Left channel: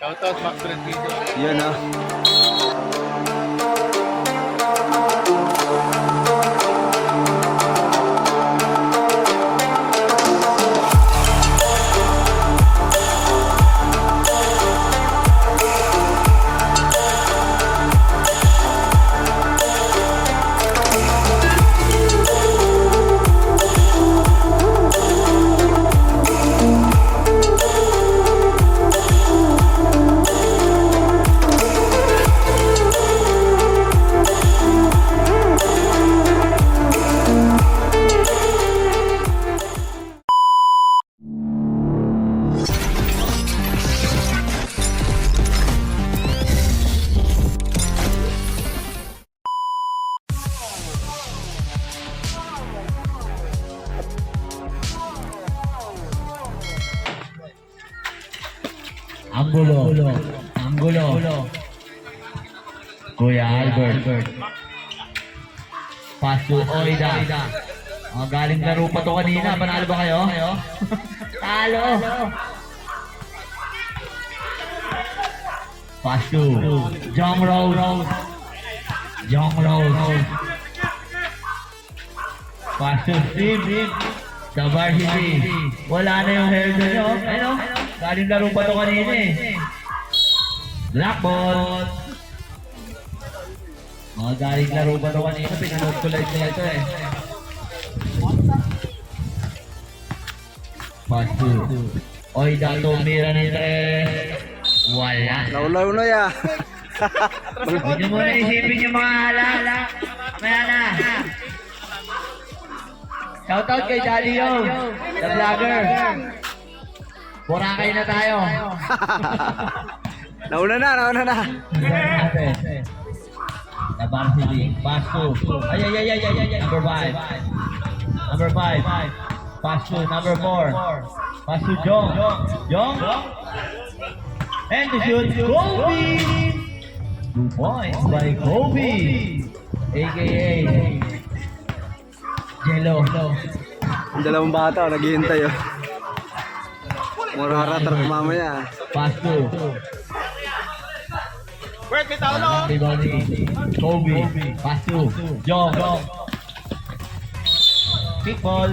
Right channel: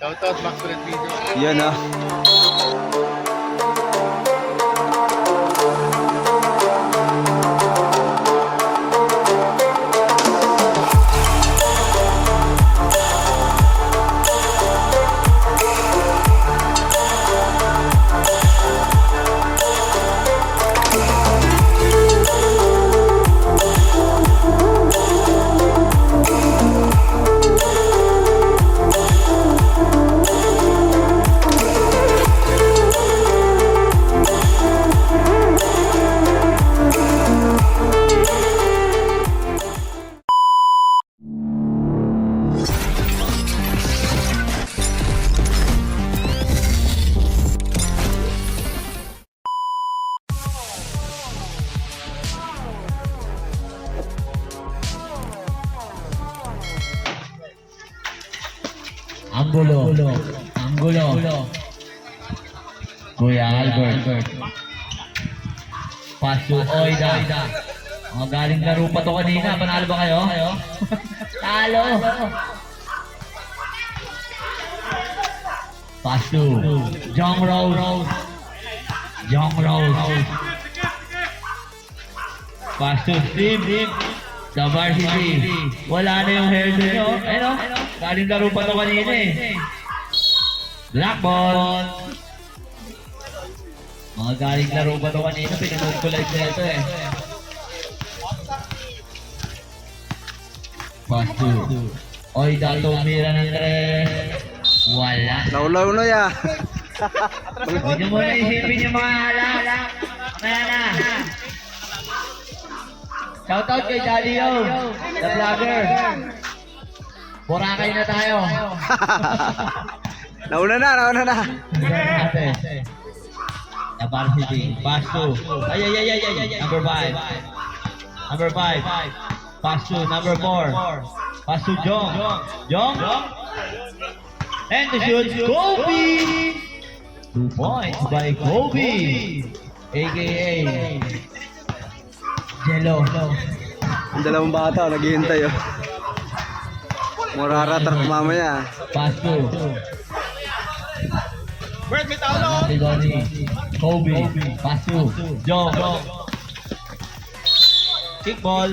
Shoutout back to the video. Yun ah. Anggulo. Kuya Albert. Pass to Oida. Galing laro pa to kanina. Panalo ba kayo? Talo. Pass to Young Rose. Pass to Steve. Sa varsity. Wala na yung hair doon. Ano? Galing laro pa to kanina eh. Black ball. Galing laro pa to kanina. Pinanood ko live na ito eh. Pass to Oida, tumira ni Tres. Wala. Laulaw na ya. Hindi mo na isipin yung mga alak. Kaya na. Shoutout kay Daddy Yo, the vlogger. Boracay na tayo. Nauna na. The varsity. Pass to. Ay. Number 5. Pass to number 4. Pass to Jong. And the shoot, Kobe! 2 points by Kobe, a.k.a. Jello. Ang dalawang bata, naghihintay oh. Muraratar mamaya. Pass to Wait, may tao na oh. Kobe. Pass to Jong. Kick ball.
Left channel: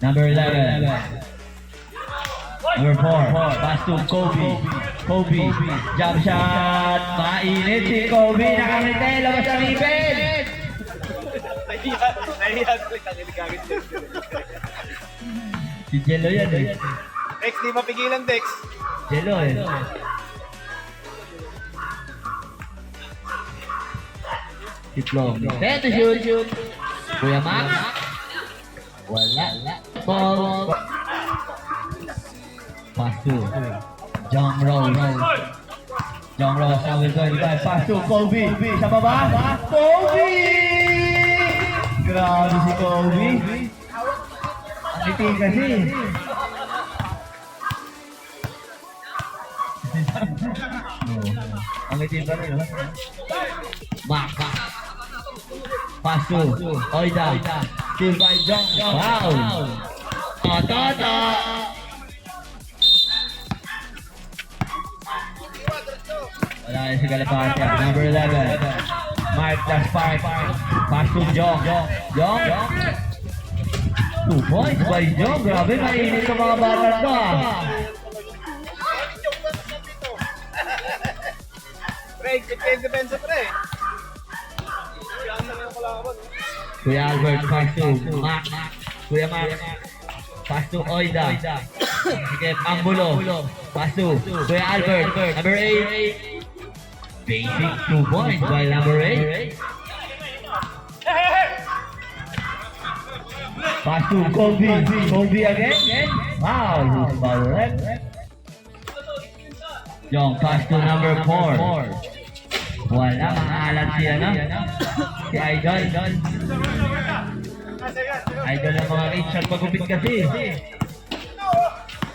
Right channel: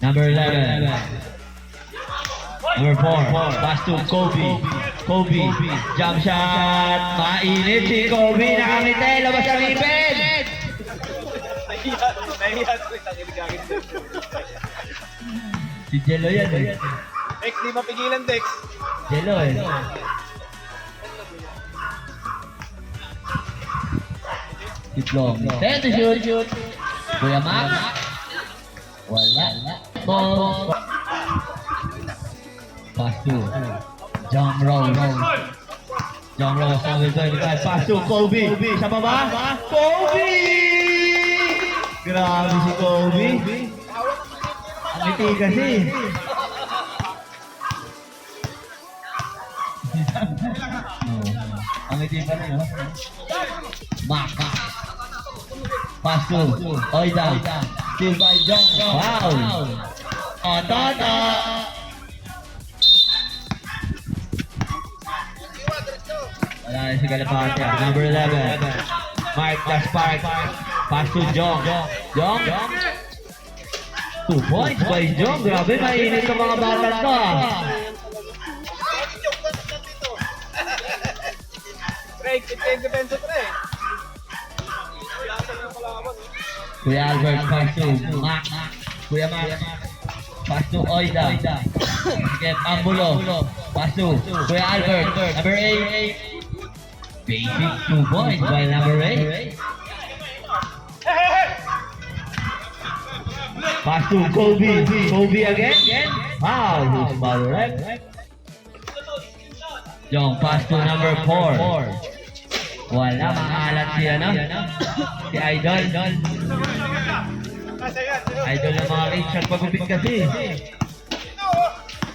Number 11. Number 4. Pass to Kobe. Jump shot. Mainit si Kobe. Nakangiti. Labas ang ipin. Nahiya ko yung tangin. Si Jello yan eh. Dex, di mapigilan Dex. Jello eh. Titlong. Kaya to shoot. Kuya Mac. Wala. Ball. Pass to John Rose. Pass to Kobe. Sa baba. Kobe! Grabe si Kobe. Ang ngiti kasi. Ang ngiti pa rin. Mac. Pass to Oida. Still by John. Wow! Toto! Wala na si Galapata. Number 11. Mark the spark. Pass to Jong. 2 points by Jong. Grabe, mainit yung mga bata to. Pre, depensa pre. Kuya Albert, pass to Mac. Kuya Mac. Pass to Oida. Sige, Anggulo. Pass to Kuya Albert. Number 8. Basic 2 points by number 8. Pass to Kobe. Kobe again. Wow, who's foul right? Yung pass to number 4. Wala, makahalat siya na. Si Idol. Idol ng mga kids at pagupit kasi.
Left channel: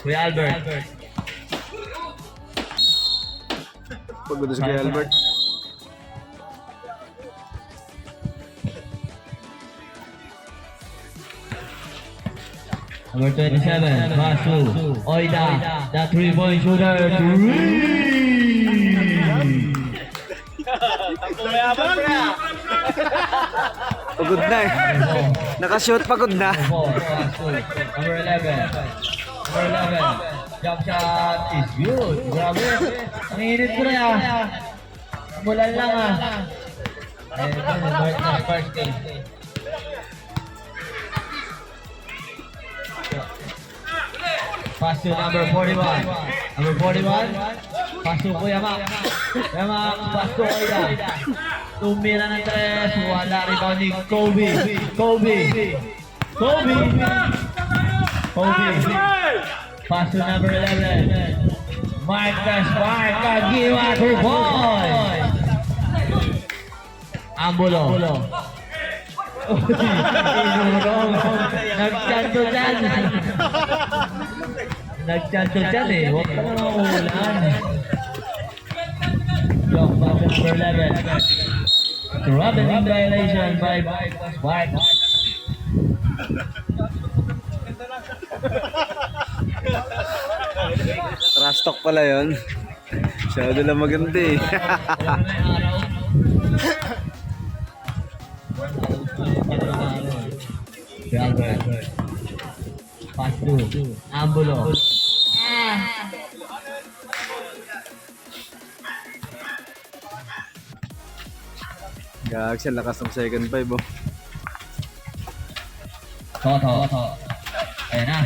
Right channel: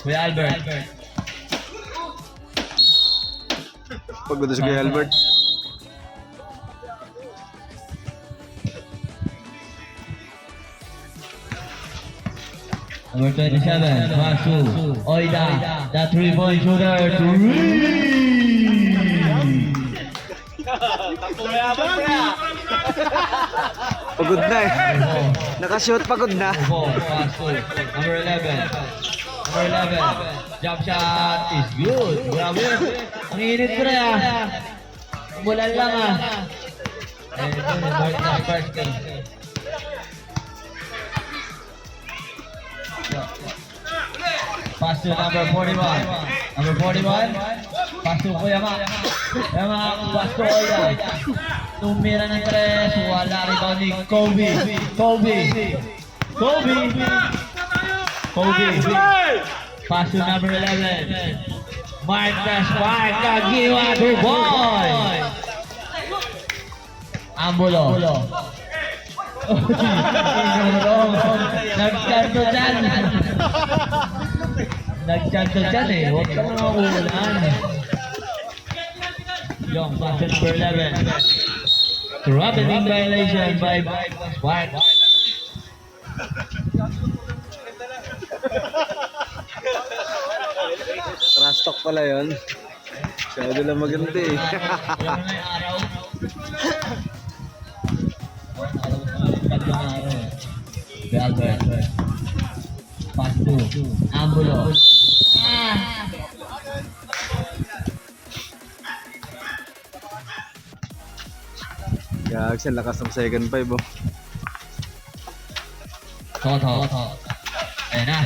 Kuya Albert. Pagod si Kuya Albert. Number 27, pass to Oida. The 3-point shooter. Takbo na yaman, pre. Pagod na eh. Nakashoot, pagod na. 4, pass to number 11. Number 11. Jump shot is good. Grabe. Ang init ko na Mulan lang first game. Pass to number 41. Number 41. Pass to Kuya Mac. Kuya Mac, pass to Oida. Tumira ng tres. Wala rebound ni Kobe. Pass to number 11. Marcus Park. Kagiwa to boy. Ambulo. Nagchanto dyan eh. Huwag ka naman uulan. Yung section number 11. Traveling violation by White. Trash talk pala yun. Masyado lang maganda eh. Albert. Pass to Ambulo. Gag siya, lakas ng second five oh. Toto. Ayan na.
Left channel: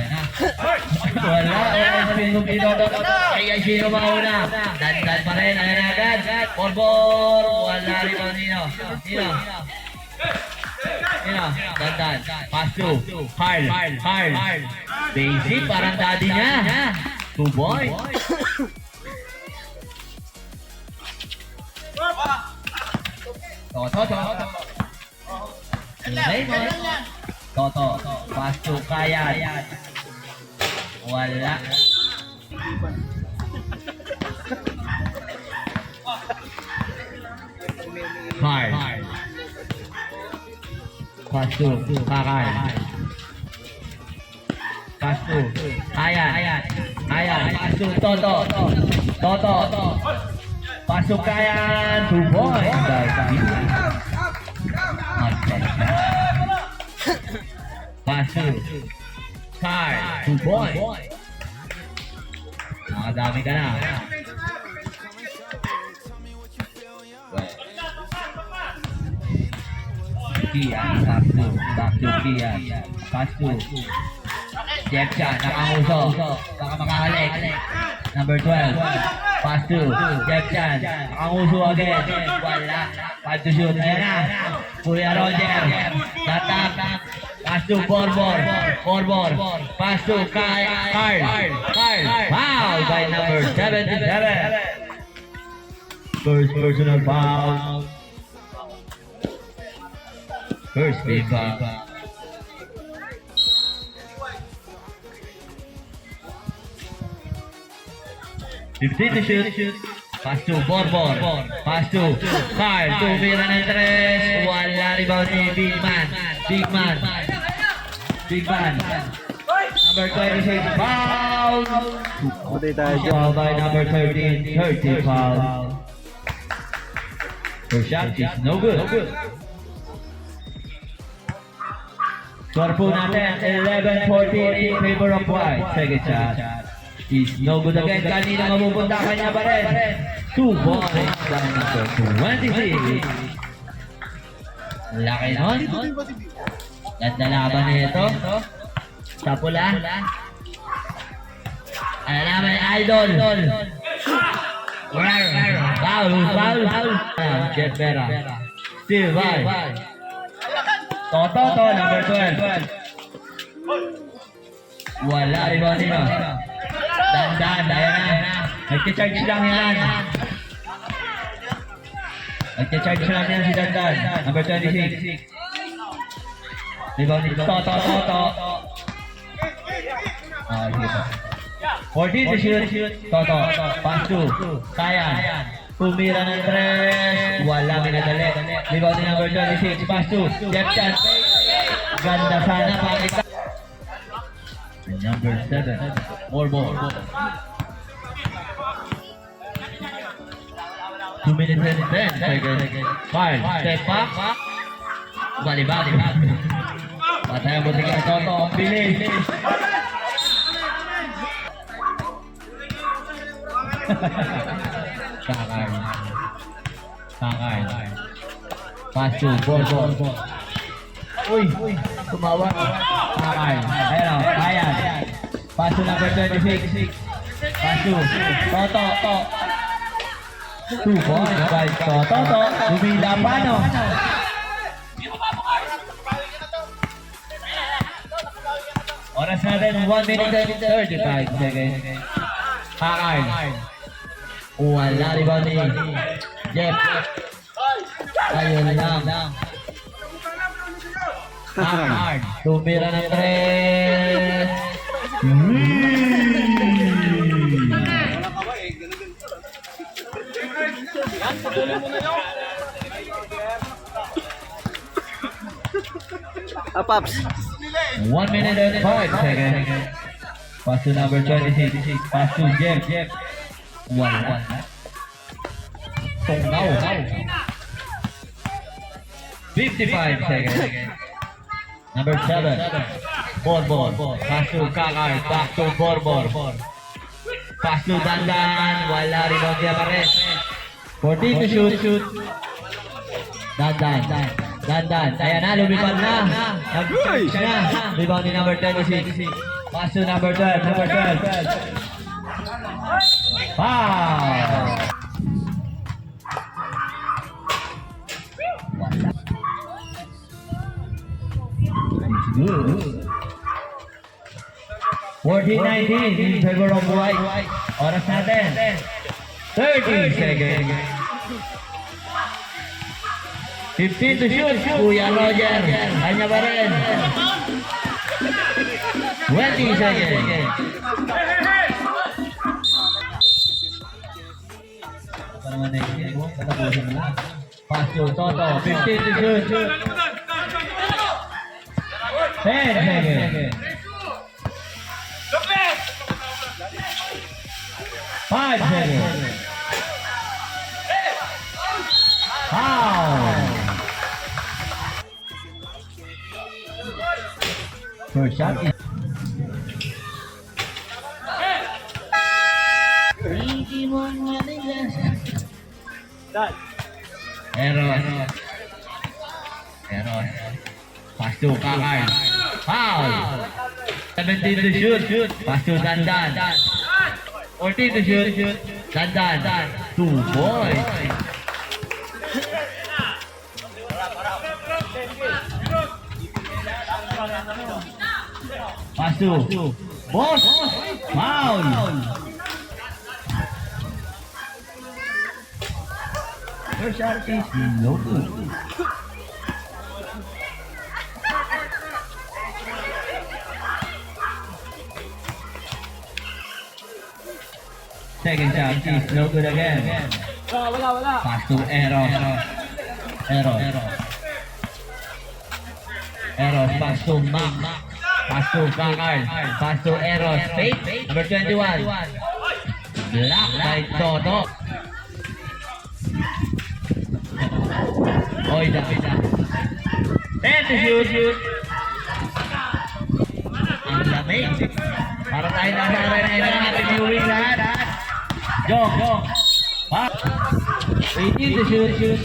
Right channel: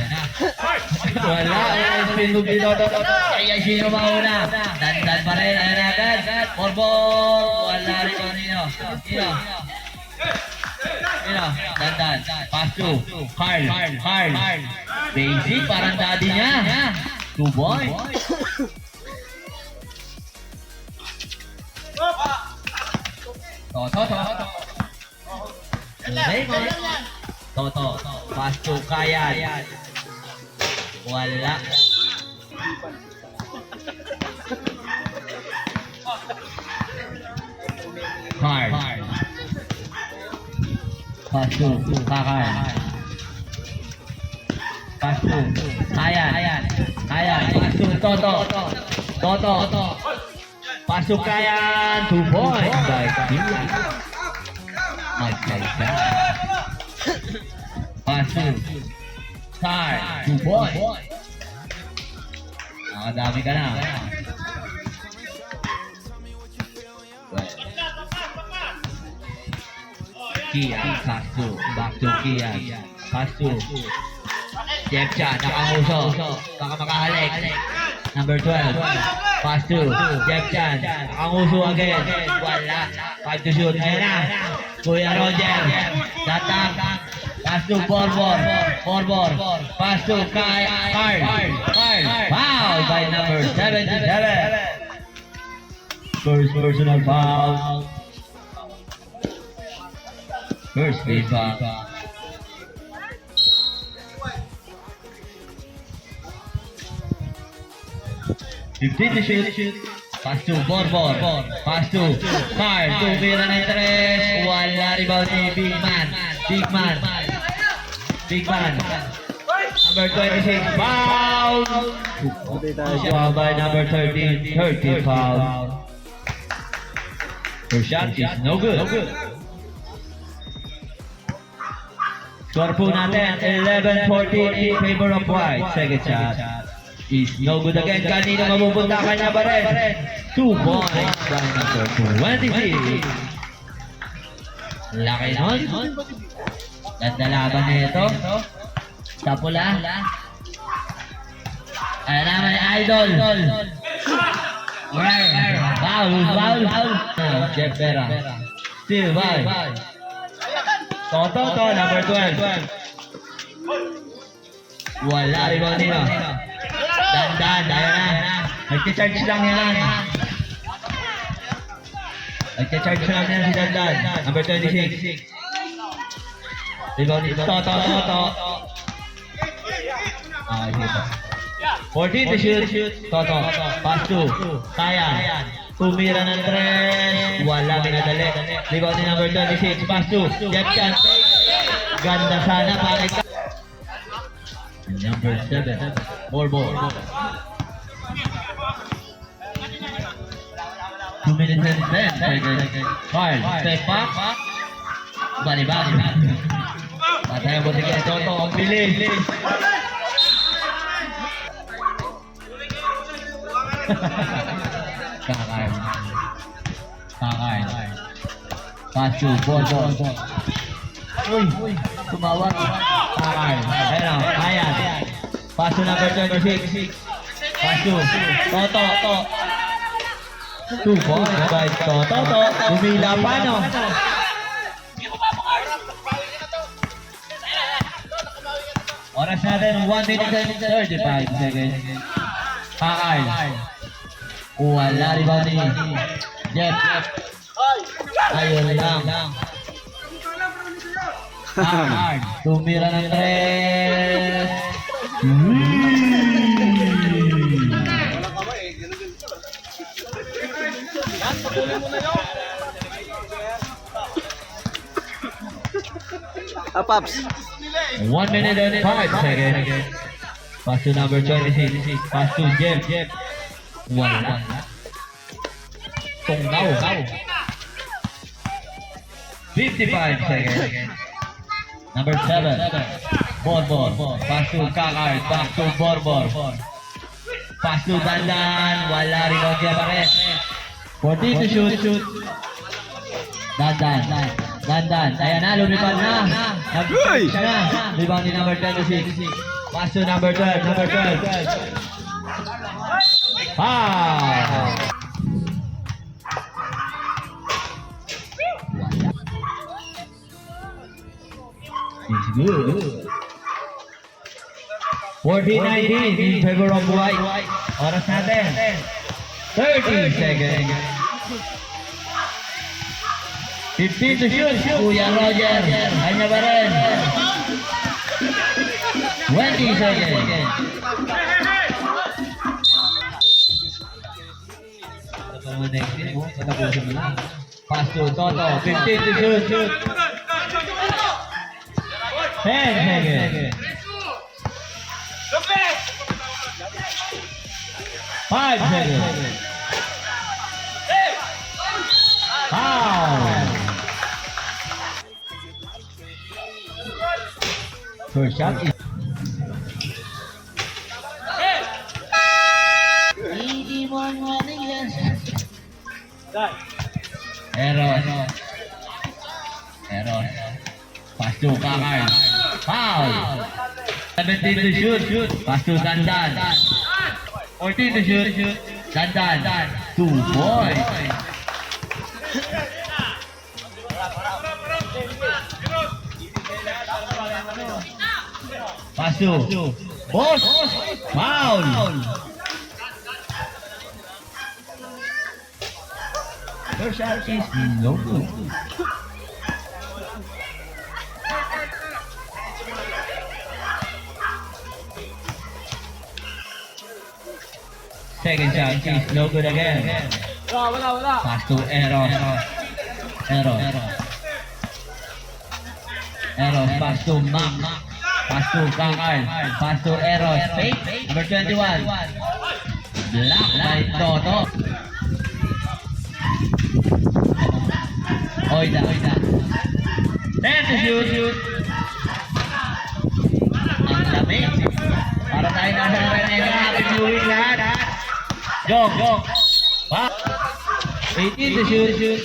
Wala. Pinto. Ay, sino mauna? Dan pa rin. Ayan na. Dan. Ball. Wala rin ang Nino. Dan. Pass to Carl. Basic, parang daddy niya. 2 boy. Toto. Raymond. Toto. Pass to Kayan. Wala. Carl. Pass to Kakar. Pass to Kayan. Pass to Toto. Pass to Kayan. 2 points. Pass to Carl. 2 points. Nakadami ka na. Kian, back to Kian. Pass to Jepcha, nakanguso. Baka makahalik. Number 12. Pass to Jepcha, nakanguso again. Wala. Pass to shoot. Ayan na. Kuya Roger. Tatak. Pass to Borbor. Pass to Carl. Foul by number 77. First personal foul. First big foul. Fifteen to shoot. Pass to Borbor. Pass to Carl. Tumira ng tres. Wala rebound ni Big Man. Number 26 foul. Patay tayo dyan. Foul by number 13. 30 foul. Her shot is no good. Score po natin 11-14 in favor of White. Second shot is no good again. Kanina mapupunta kanya pa rin. 2 points by number 26. Laki nun. Ganda laban na ito. Sa pula. Ayan naman, Idol. Foul. Jeff Vera. Still foul. Toto, number 12. Wala rin ba nila? Dandan, ayan na. Nagcha-charge lang yan. Nagcha-charge lang yan si Dandan. Number 26. Rebound ni Toto. 14 to shoot. Toto. Pass to Kayan. Tumira ng tres. Wala minadali. Rebound ni number 26. Pass to Jepchan. Ganda sana. Number 7. More ball. 2 minutes and 10 seconds. Five. Step back. Bali-bali. Patay ang buti kay Toto. Ang bilis. Kakay. Pasu. Ball. Uy. Tumawag. Kakay. Ayun. Ayan. Pasu number 26. Pasu. Toto. 2 points by Toto. Lumila pa, no? Oras natin, 1 minute and 35 seconds. Kakay. Wala rebound ni Jeff. Ayun lang. Kakay. Tumira ng 3. Walang kamay eh. Ganun din. Yan, pagulin mo na yun. Paps. 1 minute and 5 seconds. Pass to number 26. Pass to Jeff. 1. Tunggaw. 55 seconds. Number 7. Ball. Pass to Kakar. Back to Borbor. Pass to Dandan. Wala rebound siya pa rin. 14 to shoot. Dandan. Ayan na, lumipad na. Siya na. Rebound ni number 26. Pass to number 12. Foul. It's good. 14-19 in favor of White. Oras natin. 30 seconds. 15 to shoot. Kuya Roger. Kanya ba rin? 20 seconds. Pass to Toto. 15 to shoot. 10 seconds. 5 seconds. Foul. First shot is Eros. Pass to Kakay. Foul. 17 to shoot. Pass to Dandan. 14 to shoot. Dandan. 2 points. Pass to Boss. Foul. First shot is no good. Second shot is no good again. Wala. Pass to Eros. Pass to Mac. Pass to Kakar. Pass to Eros. Fake. Number 21. Block by Toto. Oida. 10 to shoot. Ang lamig. Para tayo nasa arena. Happy viewing lahat. Jog. 18 to shoot.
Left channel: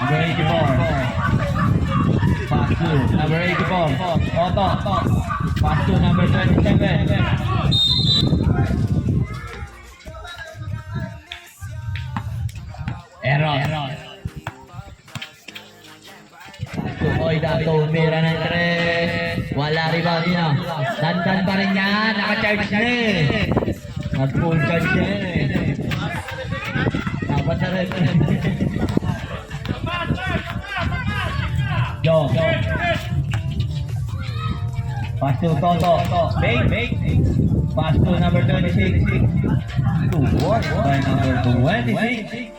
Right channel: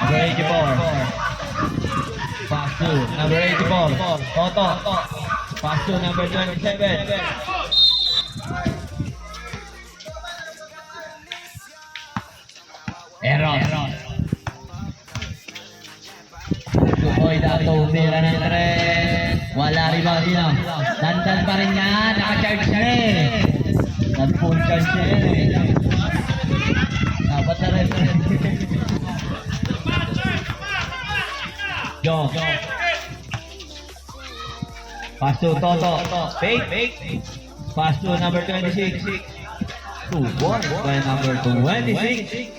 Number 84. Pass to number 84. Toto. Pass to number 27. Eros. Oida tumira ng 3. Wala rebound niya. Dandan pa rin yan. Naka-charge na eh. Nag-full charge siya eh. Dapat na rin. Jog. Pass to Toto. Fake. Pass to number 26. 2-1 by number 26.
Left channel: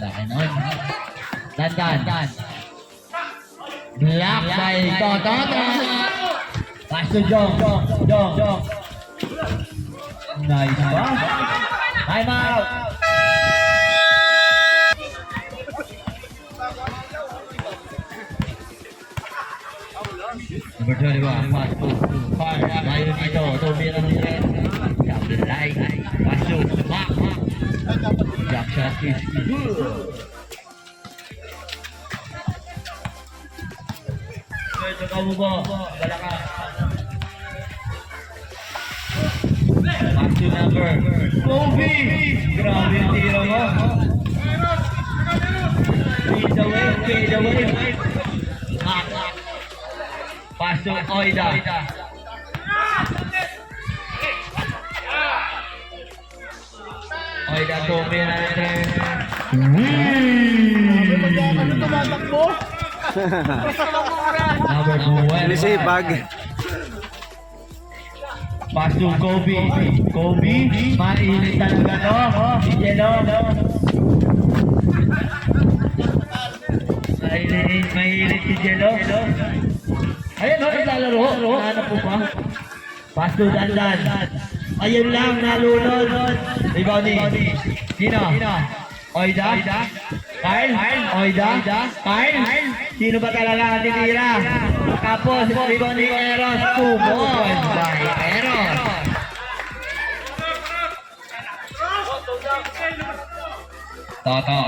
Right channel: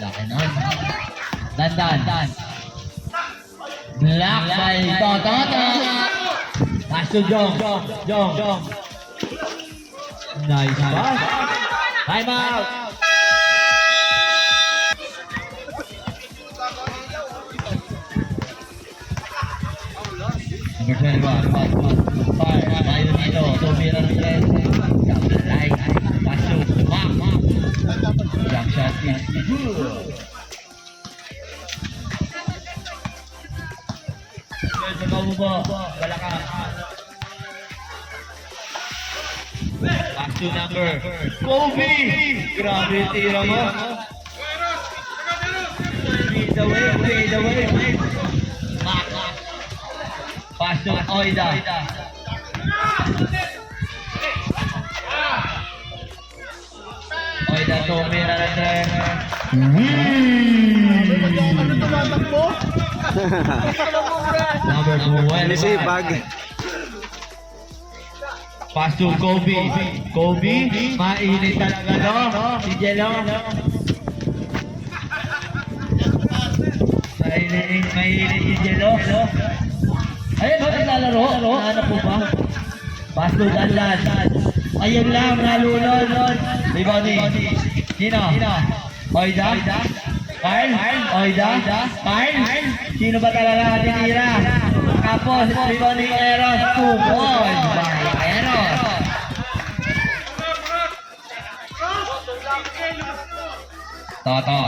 Laki nun. Dandan. Block by Toto. Pass to Jong. Nice pass. Time out. Number 21, pass to Fire. Layo dito, tumira ng red. Shot the line. Pass to Mac. Jump shot is good. Medyo mabubo. Balaka. Back to number Kobe. Grabe yung tira mo. Fade away. Mac. Pass to Oida. Oida tumira ng red. Sabi mo dyan, ano tumatakbo? Number 1. Nisipag. Pass to Kobe. Mainit talaga, no? Si Jello. Mainit si Jello. Ayun, no? Ilalaro. Ano po pa? Pass to Dandan. Ayun lang, nalunod. Rebounding. Sino? Oida? Kyle? Oida? Kyle? Sino ba talaga natitira? Tapos, rebounding Eros. 2 points by Eros. Toto.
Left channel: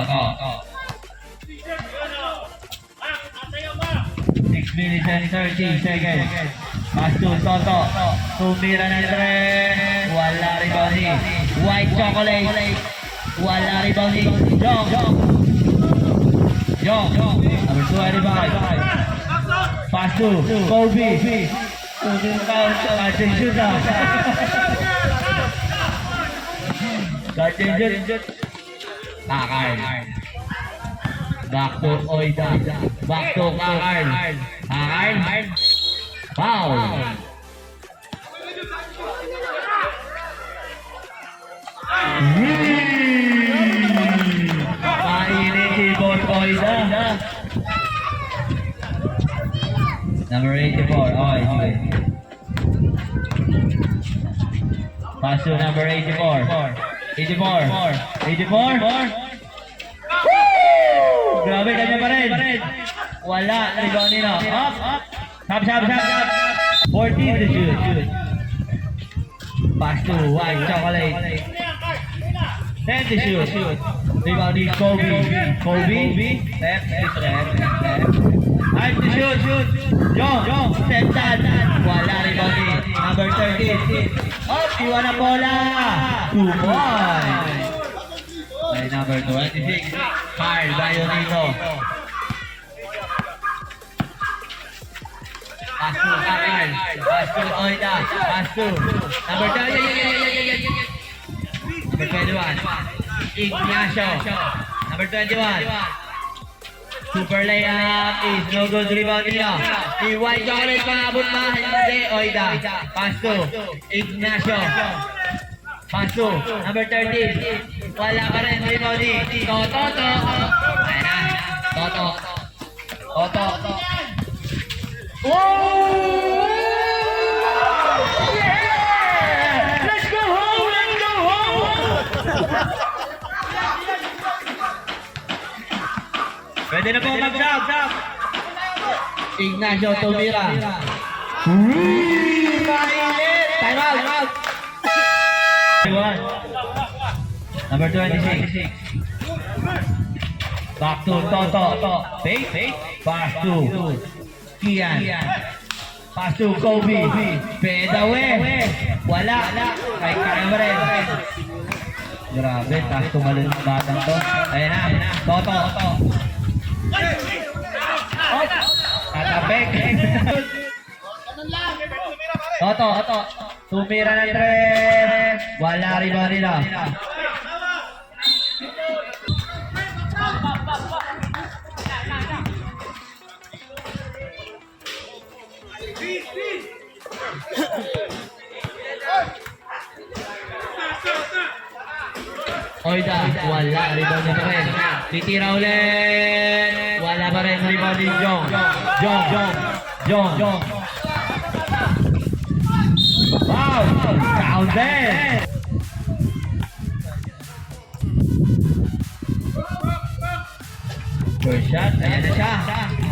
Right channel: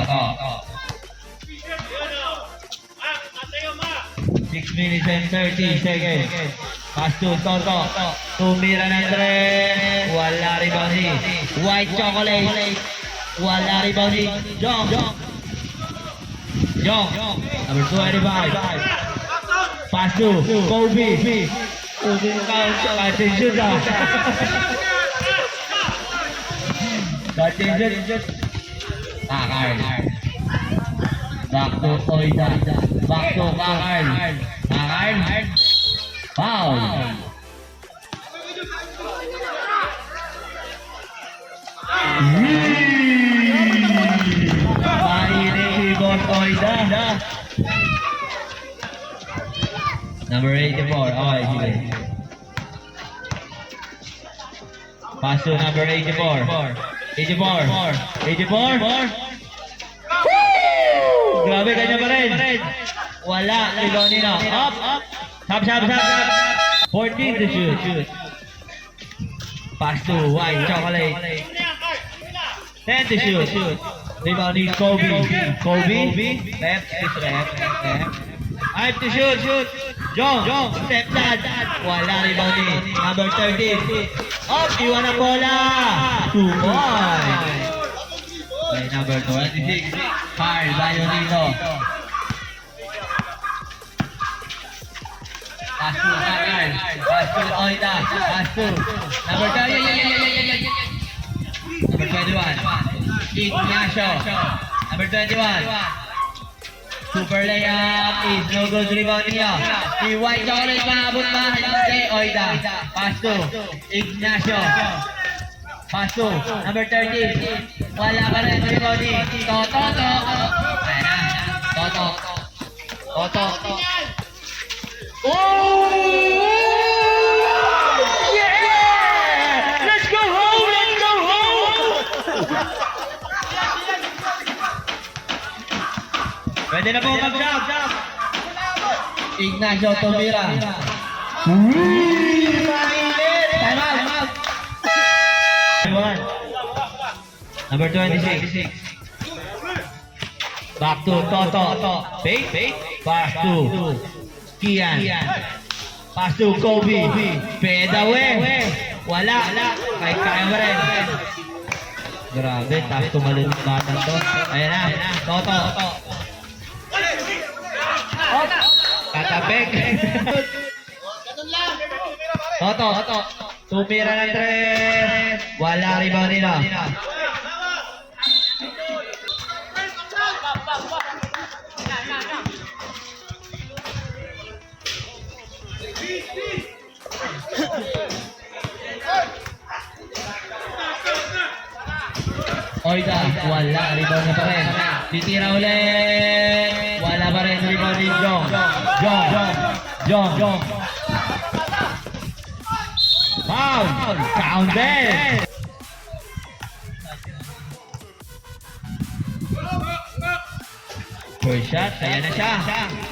6 minutes and 30 seconds. Pass to Toto. Tumira na rin. Wala rebounding. White chocolate. Wala rebounding. Jong. Number 25. Pass to Kobe. Kachenjut. Kakar. Back to Oida. Back to Kakar. Foul. Mainit si Boss Oida. Number 84. Okay, sige. Pass to number 84. 84. Grabe, kanya pa rin. Wala. Rebound nila. Up. Shot. 14 to shoot. Pass to White Chocolate. 10 to shoot. Rebound ni Kobe. Left. 5 to shoot. Jong. Step that. Wala rebound ni number 13. Up. Iwan ang bola. 2 points. By number 26. Carl Bayonito. Pass to Carl. Pass to Oida. Pass to number 30. Number 21. Ignacio. Number 21. Super layup is no good. Rebound niya. Si White Chocolate maabot ba? Hindi. Oida. Pass to Ignacio. Pass to number 13. Wala pa rin. Rebound ni Toto. Ayan na. Toto. Oh! Yeah! Let's go home! Pwede na po mag-shot. Ignacio tumira. Time out. Number 26. Back to Toto. Fake. Pass to Kian. Pass to Kobe. Fade away. Wala. Kaya ba rin? Grabe, taas tumalun ng batang to. Ayan na. Toto. Tatapik. Toto. Tumira ng 3. Wala rebound nila. Oida, wala, rebound na pa rin. Titira ulit. Wala pa rin, rebound ni Jong. Wow, counted. First shot, ayan na siya.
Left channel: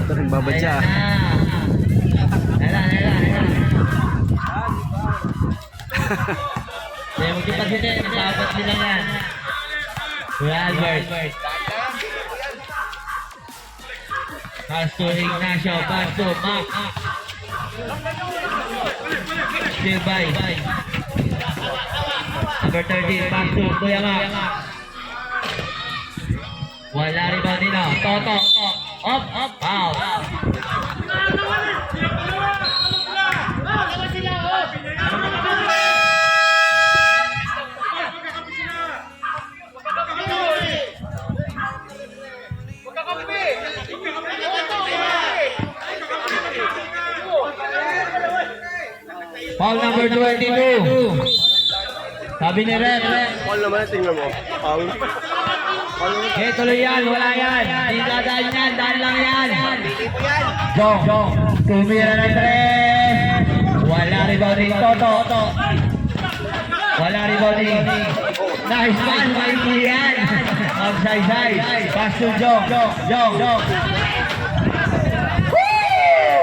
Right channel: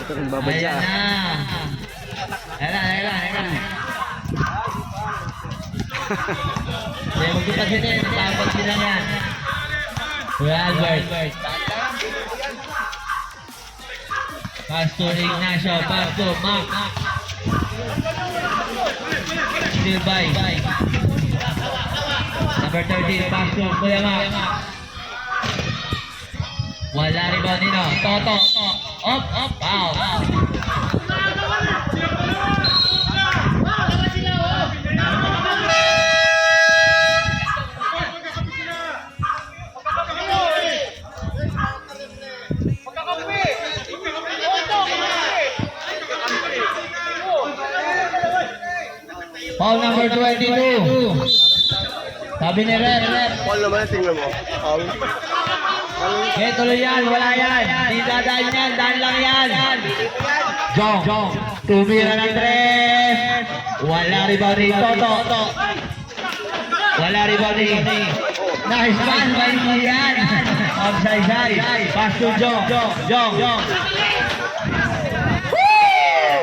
Ito rin babadya. Ayan na. Kaya magkipasin dapat nilang yan. Kuya Albert. Pass to Ignacio, pass to Mark. Still by. Number 13, pass to Kuya Mark. Wala rin ba nila? Toto. Up, out. Foul number 22. Sabi ni Red. Paul naman, tingnan mo. Paul. Eh, tuloy yan, wala yan. Hindi dadaan yan, daan lang yan. Jong. Tumira ng 3. Wala rebound ni Toto. Wala rebound ni. Nice pass, may yan. Offside. Pass to Jong.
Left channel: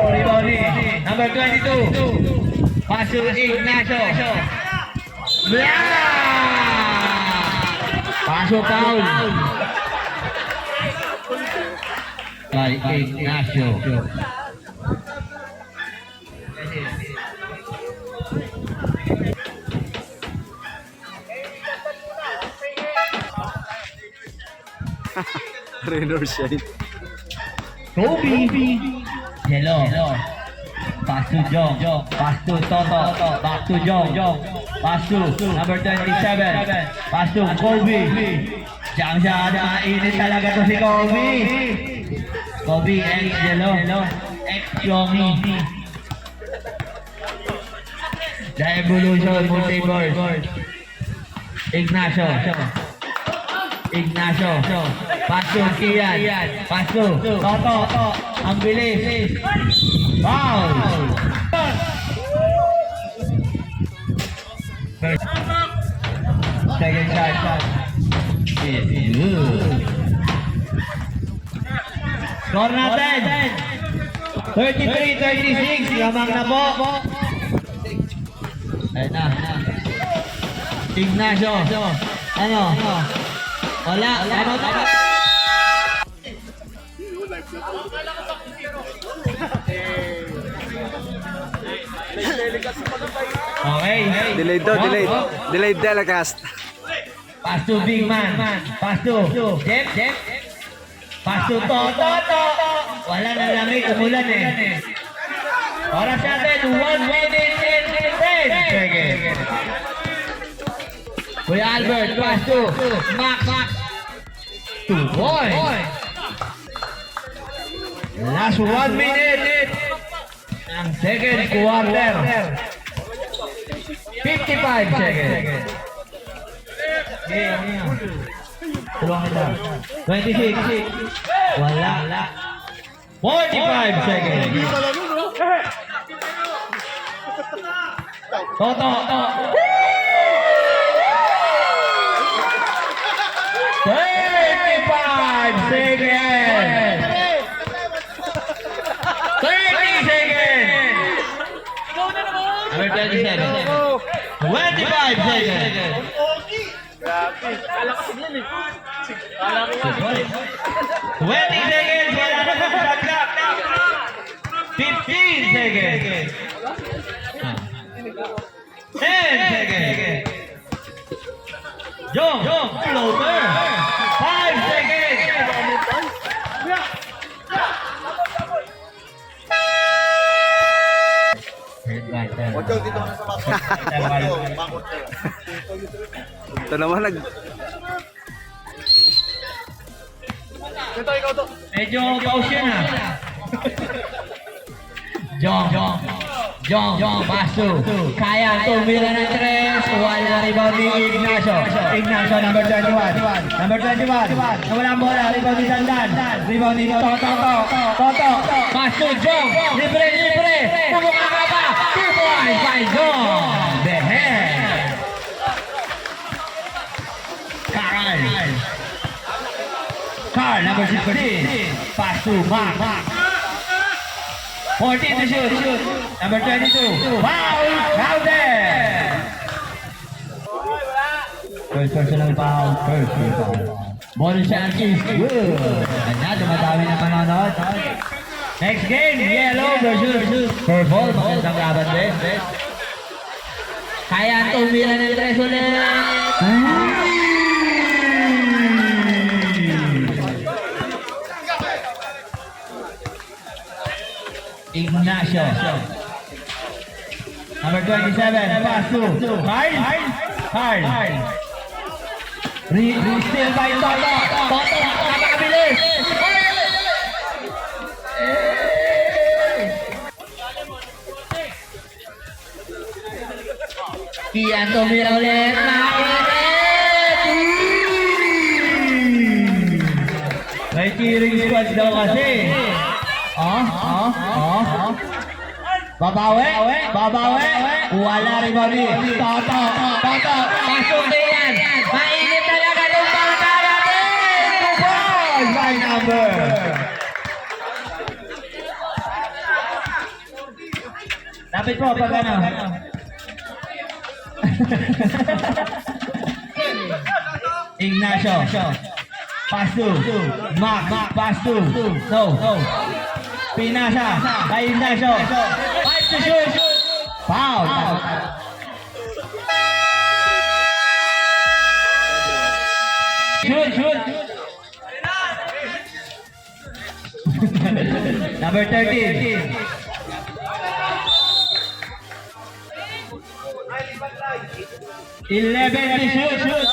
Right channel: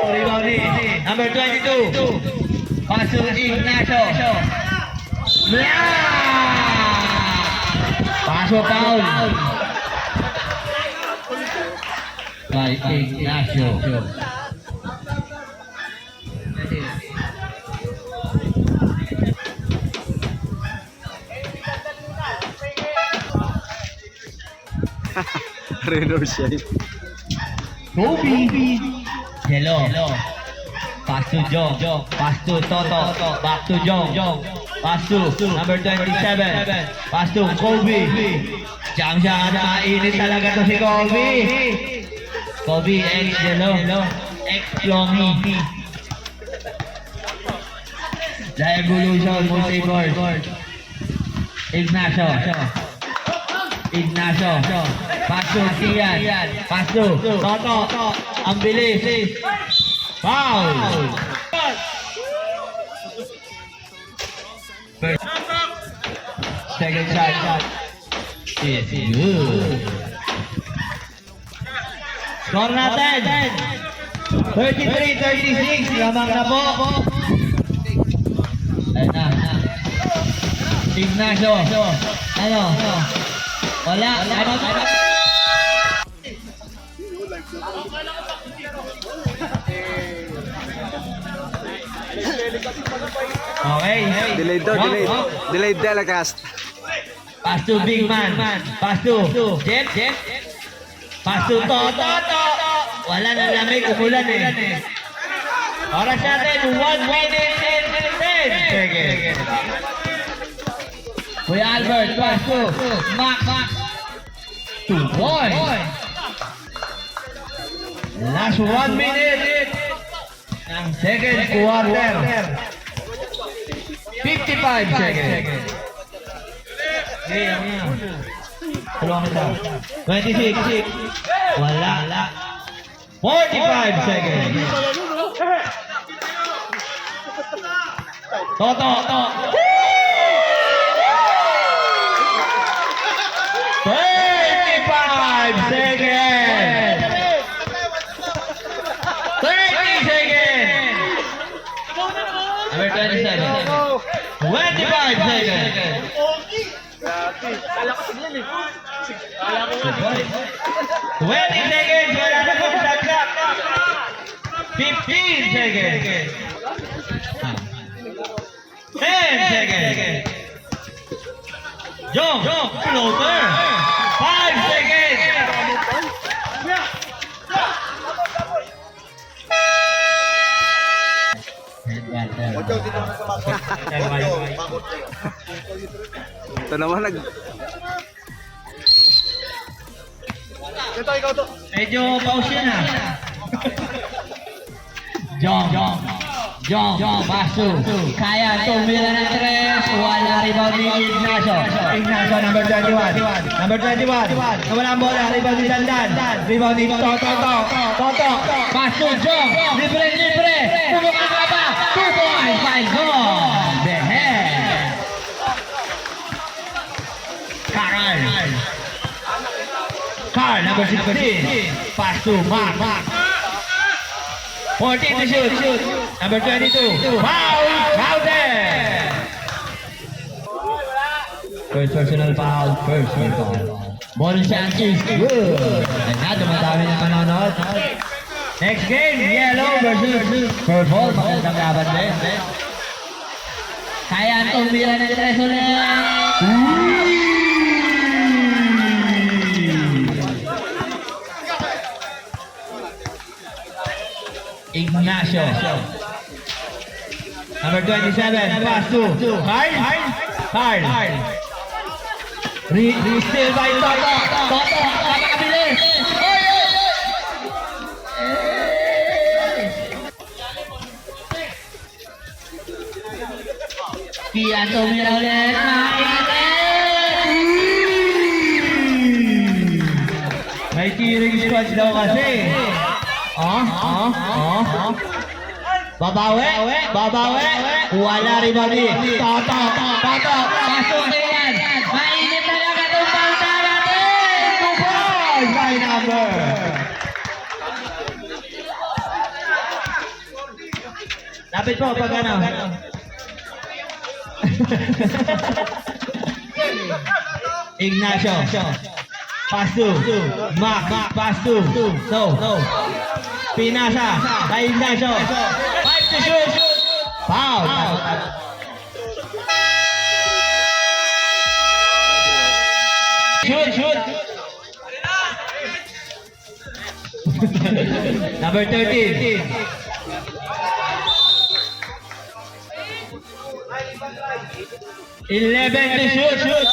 Rebound ni. Number 22. Pass to Ignacio. Paso foul. By Ignacio. Rain or shine. Kobe. Hello. Pass to Jong. Pass to Toto. Back to Jong. Pass to number 27. Pass to Kobe. Jam siya. Mainit talaga to si Kobe. Kobe X Yellow. X Longy. The Evolution Multiverse. Ignacio. Pass to Kian. Pass to Toto. Ang bilis. Foul. Second shot. Is good. Score natin. 33-36. Lamang na po. Ayun na. Ignacio. Ano? Wala. Okay. Delayed daw, delayed. Delayed telecast. Pass to big man. Pass to Jeff. Pass to Toto. Wala na lamig, umulan eh. Oras natin, 1 minute and 10 seconds. Kuya Albert, pass to Max. 2 points. Last 1 minute ng second quarter. 55 seconds. Tulungan kita. 26. Wala. 45 seconds. Toto. 25 seconds. 30 seconds. 30 seconds. 25 seconds. Kala ko siglan eh. Kala ko 20 seconds. Wala na pong shot clock. 15 seconds. 10 seconds. Jong, floater. 5 seconds. Ito naman Ito, ikaw to. Medyo pause yan ha. Jong, paso. Kaya tumira ng 3. Wala rebound ni Ignacio. Number 21. Wala bola, rebound ni Dandan. Rebound ni Toto. Pass to Jong. Libre, libre. Pulong ang kaba. 2 points by Jong. The head. Carl, number 16. Pass to Mark. 14 to shoot. Number 22. Foul. Crowded. First personal foul. Bonus chances. Good. And na, dumadami na panonood. Next game, Yellow versus Purple. Magandang laban din. Kaya ang tumira ng 3 ulit. Ignacio. Number 27, pass to Carl. Still by Toto. Napakabilis. Kian tumira ulit. May killing squads daw kasi. Babawi. Wala rin ba rin? Toto. Pasok na yan. Mainit talaga itong bangka natin. 2 points by number. Lapit po pag ano. Ignacio. Pass to Mark. Pass to No. Pinasa. Kay Ignacio. 5 to shoot. Foul. Shoot. Number 13. Eleven to shoot.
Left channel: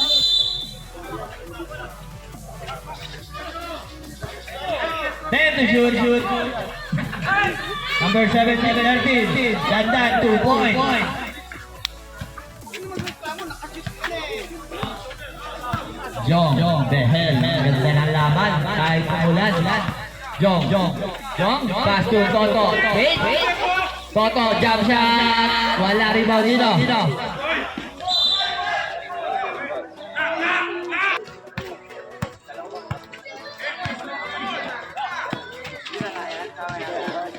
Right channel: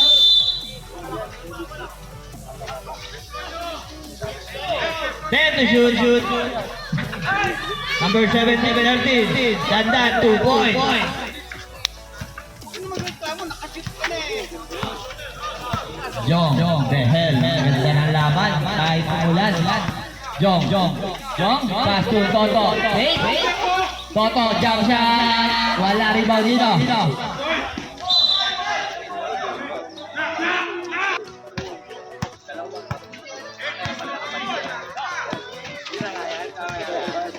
Then to shoot. Number 17, Dandan, 2 points. Jong, the hell. Ganda ng laban. Kahit umulan. Jong. Pass to Toto. Wait. Toto, jump shot. Wala rebound dito.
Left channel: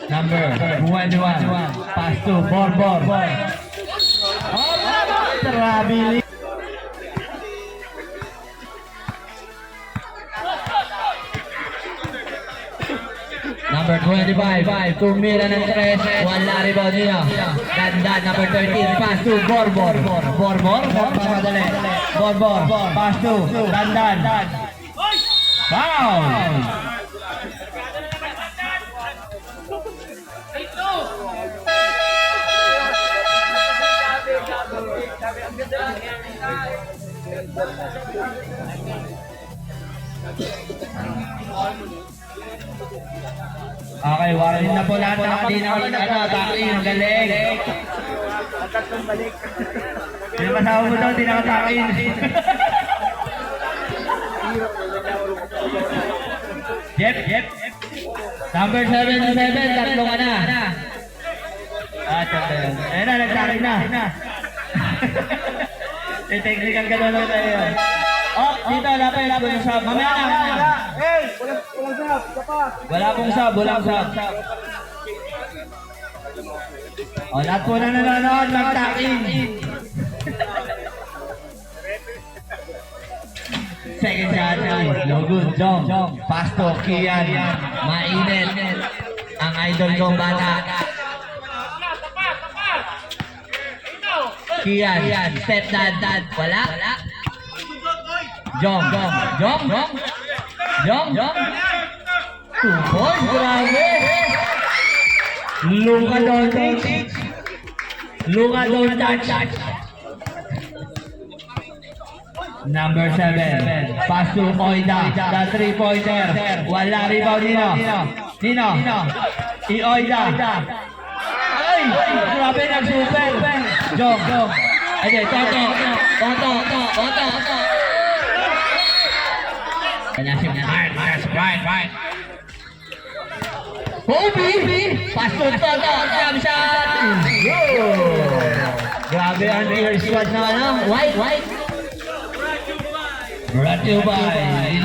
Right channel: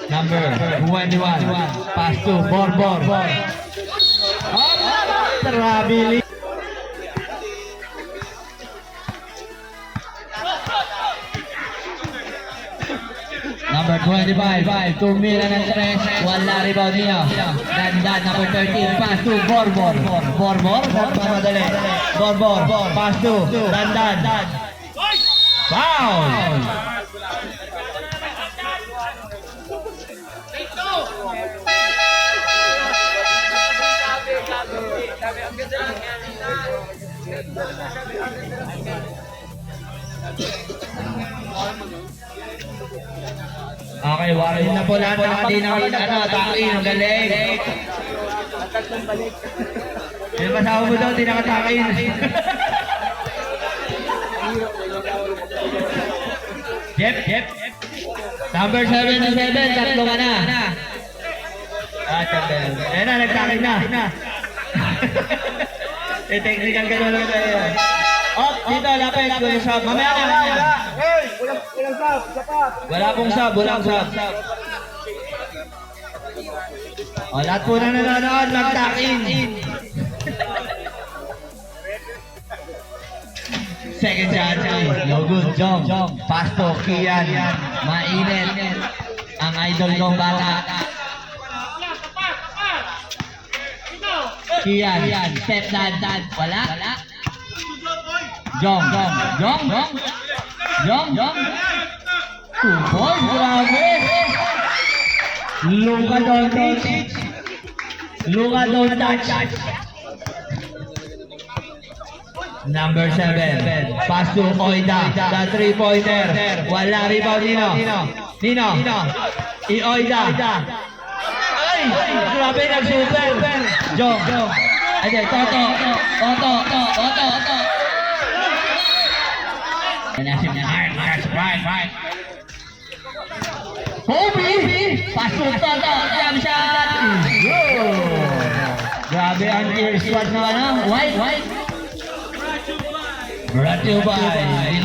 Number 21, pass to Borbor. Trabili. Number 25, tumira ng 3, wala rebound niya. Dandan, number 13, pass to Borbor. Borbor, pass to Dandan. Foul! Sabi, ang ganda lang yan. Okay, warin na po lahat ng hindi takin. Ang galing. Yung kasama mo daw, hindi nakatakin. Jep. Number 77, tatlo ka na. Ayan na, nagtakin na. Technical ka na lang tayo. Oh, dito, lapit. Walang sub. Mamaya na. Wala pong sub. O, lahat po na nanonood, mag-takin. Second shot. Good, Jong. Pass to Kian. Mainit. Ang idol kong bata. Kian. Step dad. Wala. Jong. 2 points. Grabe. Luka Doncic. Number 7, pass to Oida, the 3-pointer. Wala rebound Nino. Oida. Ay! Grabe nag-super. Jong. Ay, Toto. Right. Kobe! Pasok Toto, jump shot. Good. Grabe ang ear squad na ano. White. Brought to you by,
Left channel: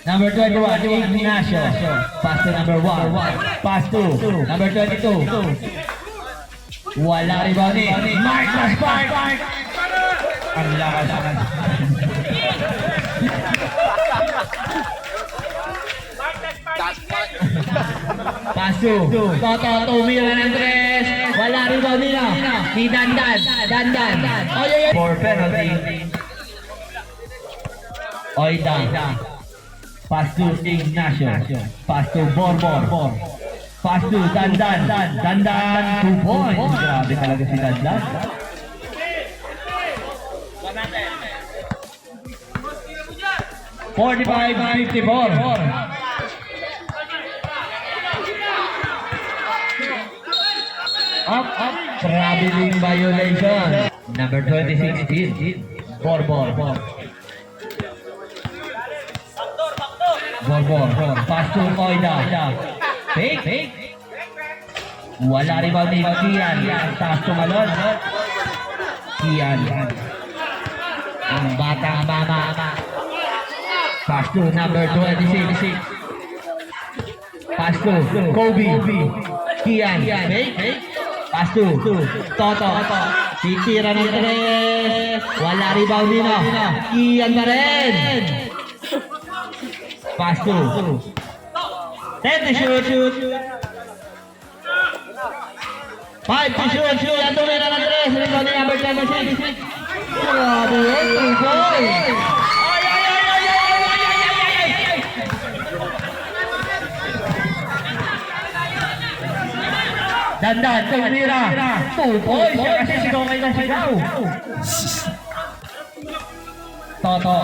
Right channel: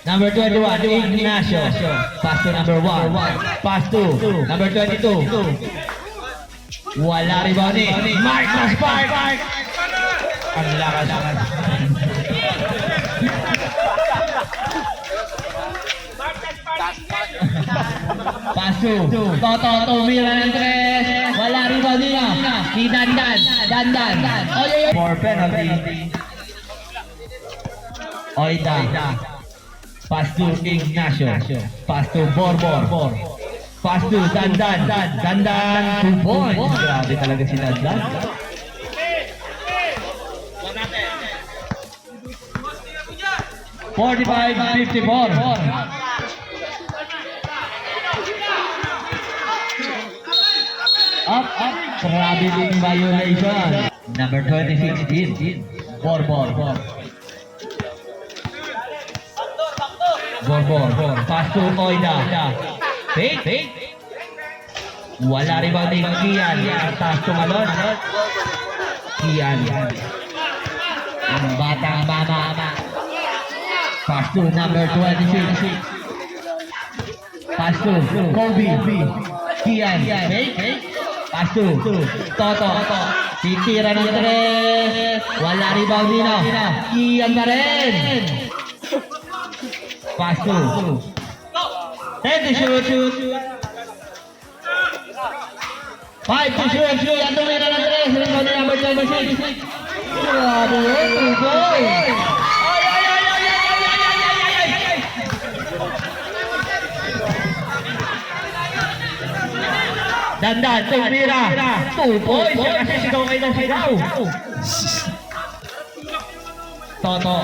Number 21, Ignacio. Pass to number 1. Pass to number 22. Wala rebound ni Marcus Park. Ang lakas. Pass to Toto, tumira ng tres. Wala rebound nila. Ni Dandan. For penalty. Oida. Pass to Ignacio. Pass to Borbor. Pass to Dandan. 2 points. Grabe talaga si Dandan. (45-54). Up. Traveling violation. Number 26 din. Borbor. Pass to Oida. Fake. Wala rebound ni Kian. Pass to Malon. Kian. Ang batang mama. Pass to number 26. Pass to Kobe. Kian. Fake. Pass to Toto. Titira ng tres. Wala rebound nila. Kian na rin. Pass to 10 to shoot. 5 to shoot. Ang tumira ng tres. Rebound ni number 26. Grabe yun. Dandan, tumira. 2 points. Kasi sigaw kayo na sigaw. Toto.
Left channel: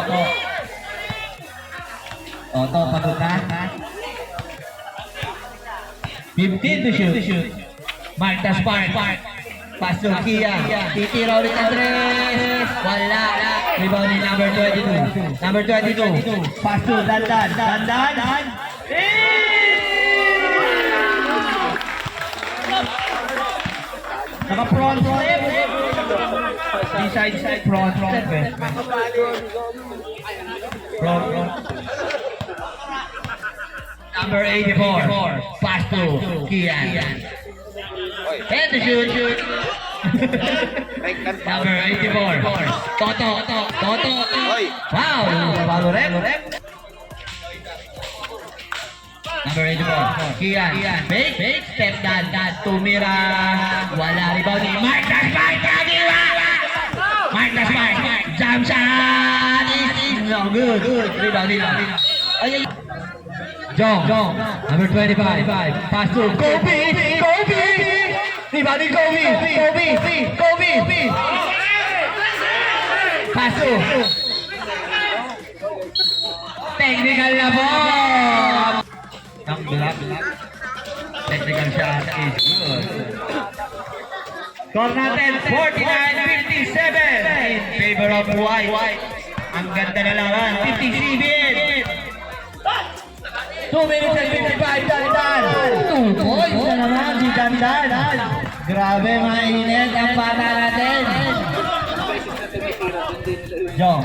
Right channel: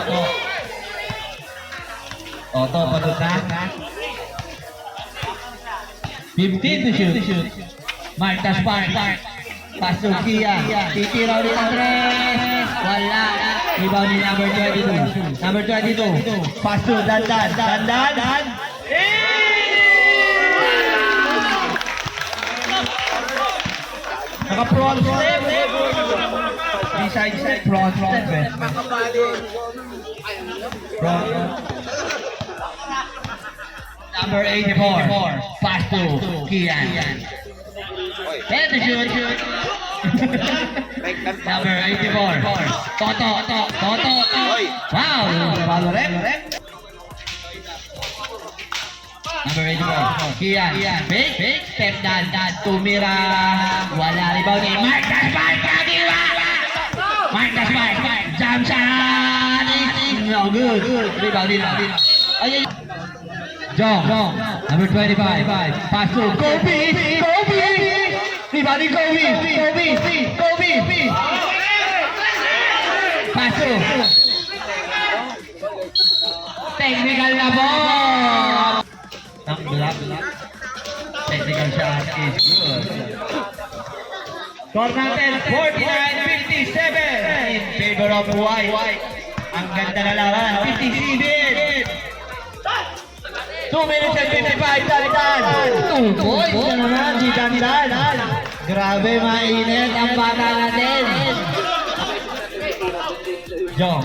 Toto, pagod na. 15 to shoot. Marcus Park. Pass to Kian. Titira ulit ang tres. Wala. Rebound ni number 22. Number 22. Pass to Dandan. Naka-front step. Beside step. Front step eh. Front. Number 84. Pass to Kian. And the shoot. Number 84. Toto. Foul. Number 84. Kian. Fake. Step down. Tumira. Wala rebound ni Marcus Park. Jump shot. No good. Rebound nila. Jong. Number 25. Pass to Kobe. Rebound ni Kobe. Pass to. Technical na ball. Ang black. Technical shot is good. Score natin 49-57 in favor of White. Ang ganda na lawan. 57. 2 minutes and 55 Dandan. 2 points na naman si Dandan. Grabe mainit ang bata natin. Jong.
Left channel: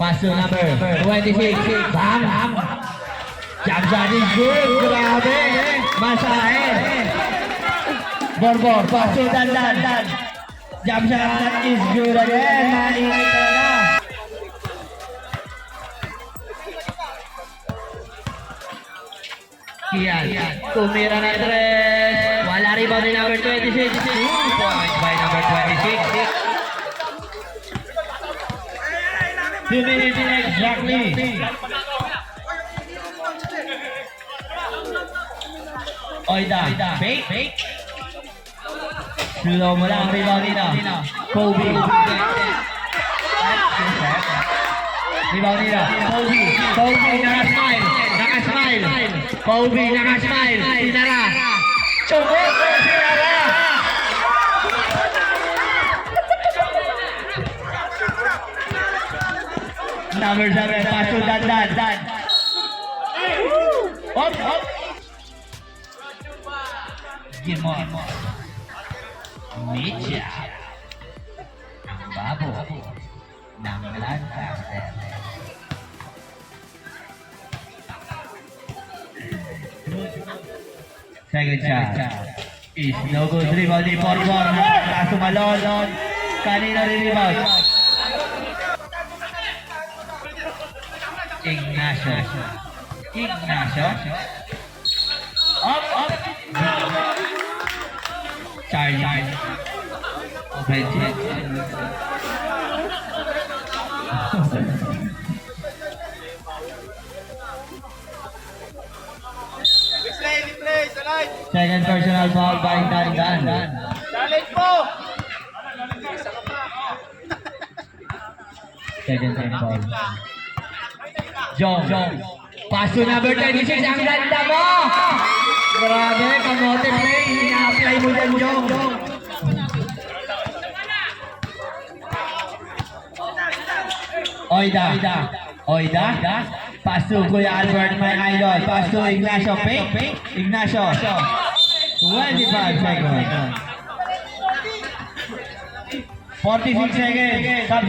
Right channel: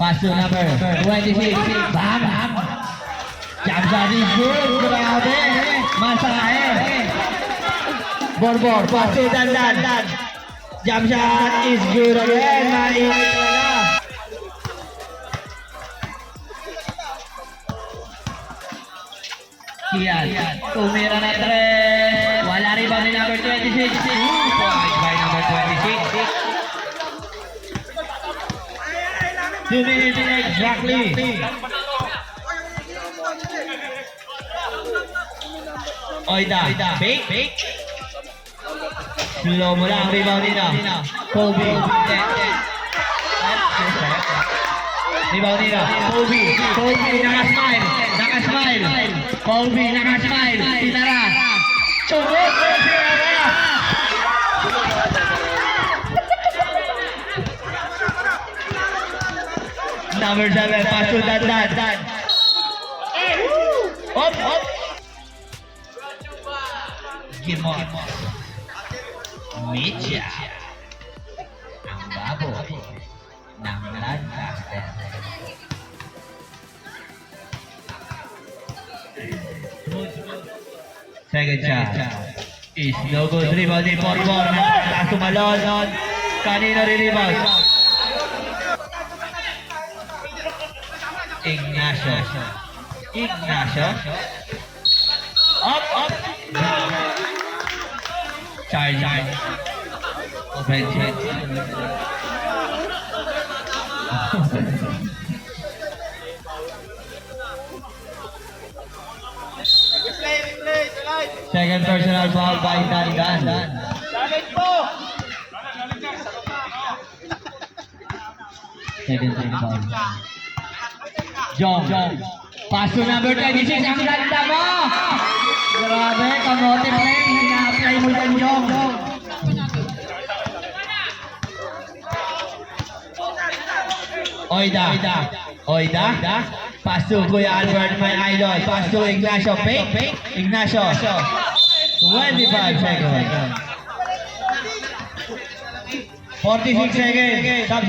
Pass to number 26. Bam. Jump shot is good. Grabe. Masahe. Borbor. Pass to Dandan. Jump shot is good again. Mainit na. Kian. Tumira na yung tres. Wala rebound ni number 26. 2 points by number 26. 2 minutes exactly. Oida. Fake. Slow mo lang. Rebound nila. Kobe. Rebound nila. Kobe nakasmile. Kobe nakasmile. Sinara. Sumot. Sinara. number 7, pass to Dandan. Up. Give on. Mitya. Ang baboy ng Lancaster. Second shot is no good. Rebound ni Porbor. Kaso malon. Kanino rin-rebound? Ignacio. Up. Charlie. Offensive. Second personal foul by Dandan. Challenge po! Second foul. Jong. Pass to number 26. Ang ganda mo! Grabe, kamote play. Ina-apply mo dyan, Jong. Oida. Pass to Kuya Albert, my idol. Pass to Ignacio. Fake. Ignacio. 25 seconds. 46 seconds. Stop.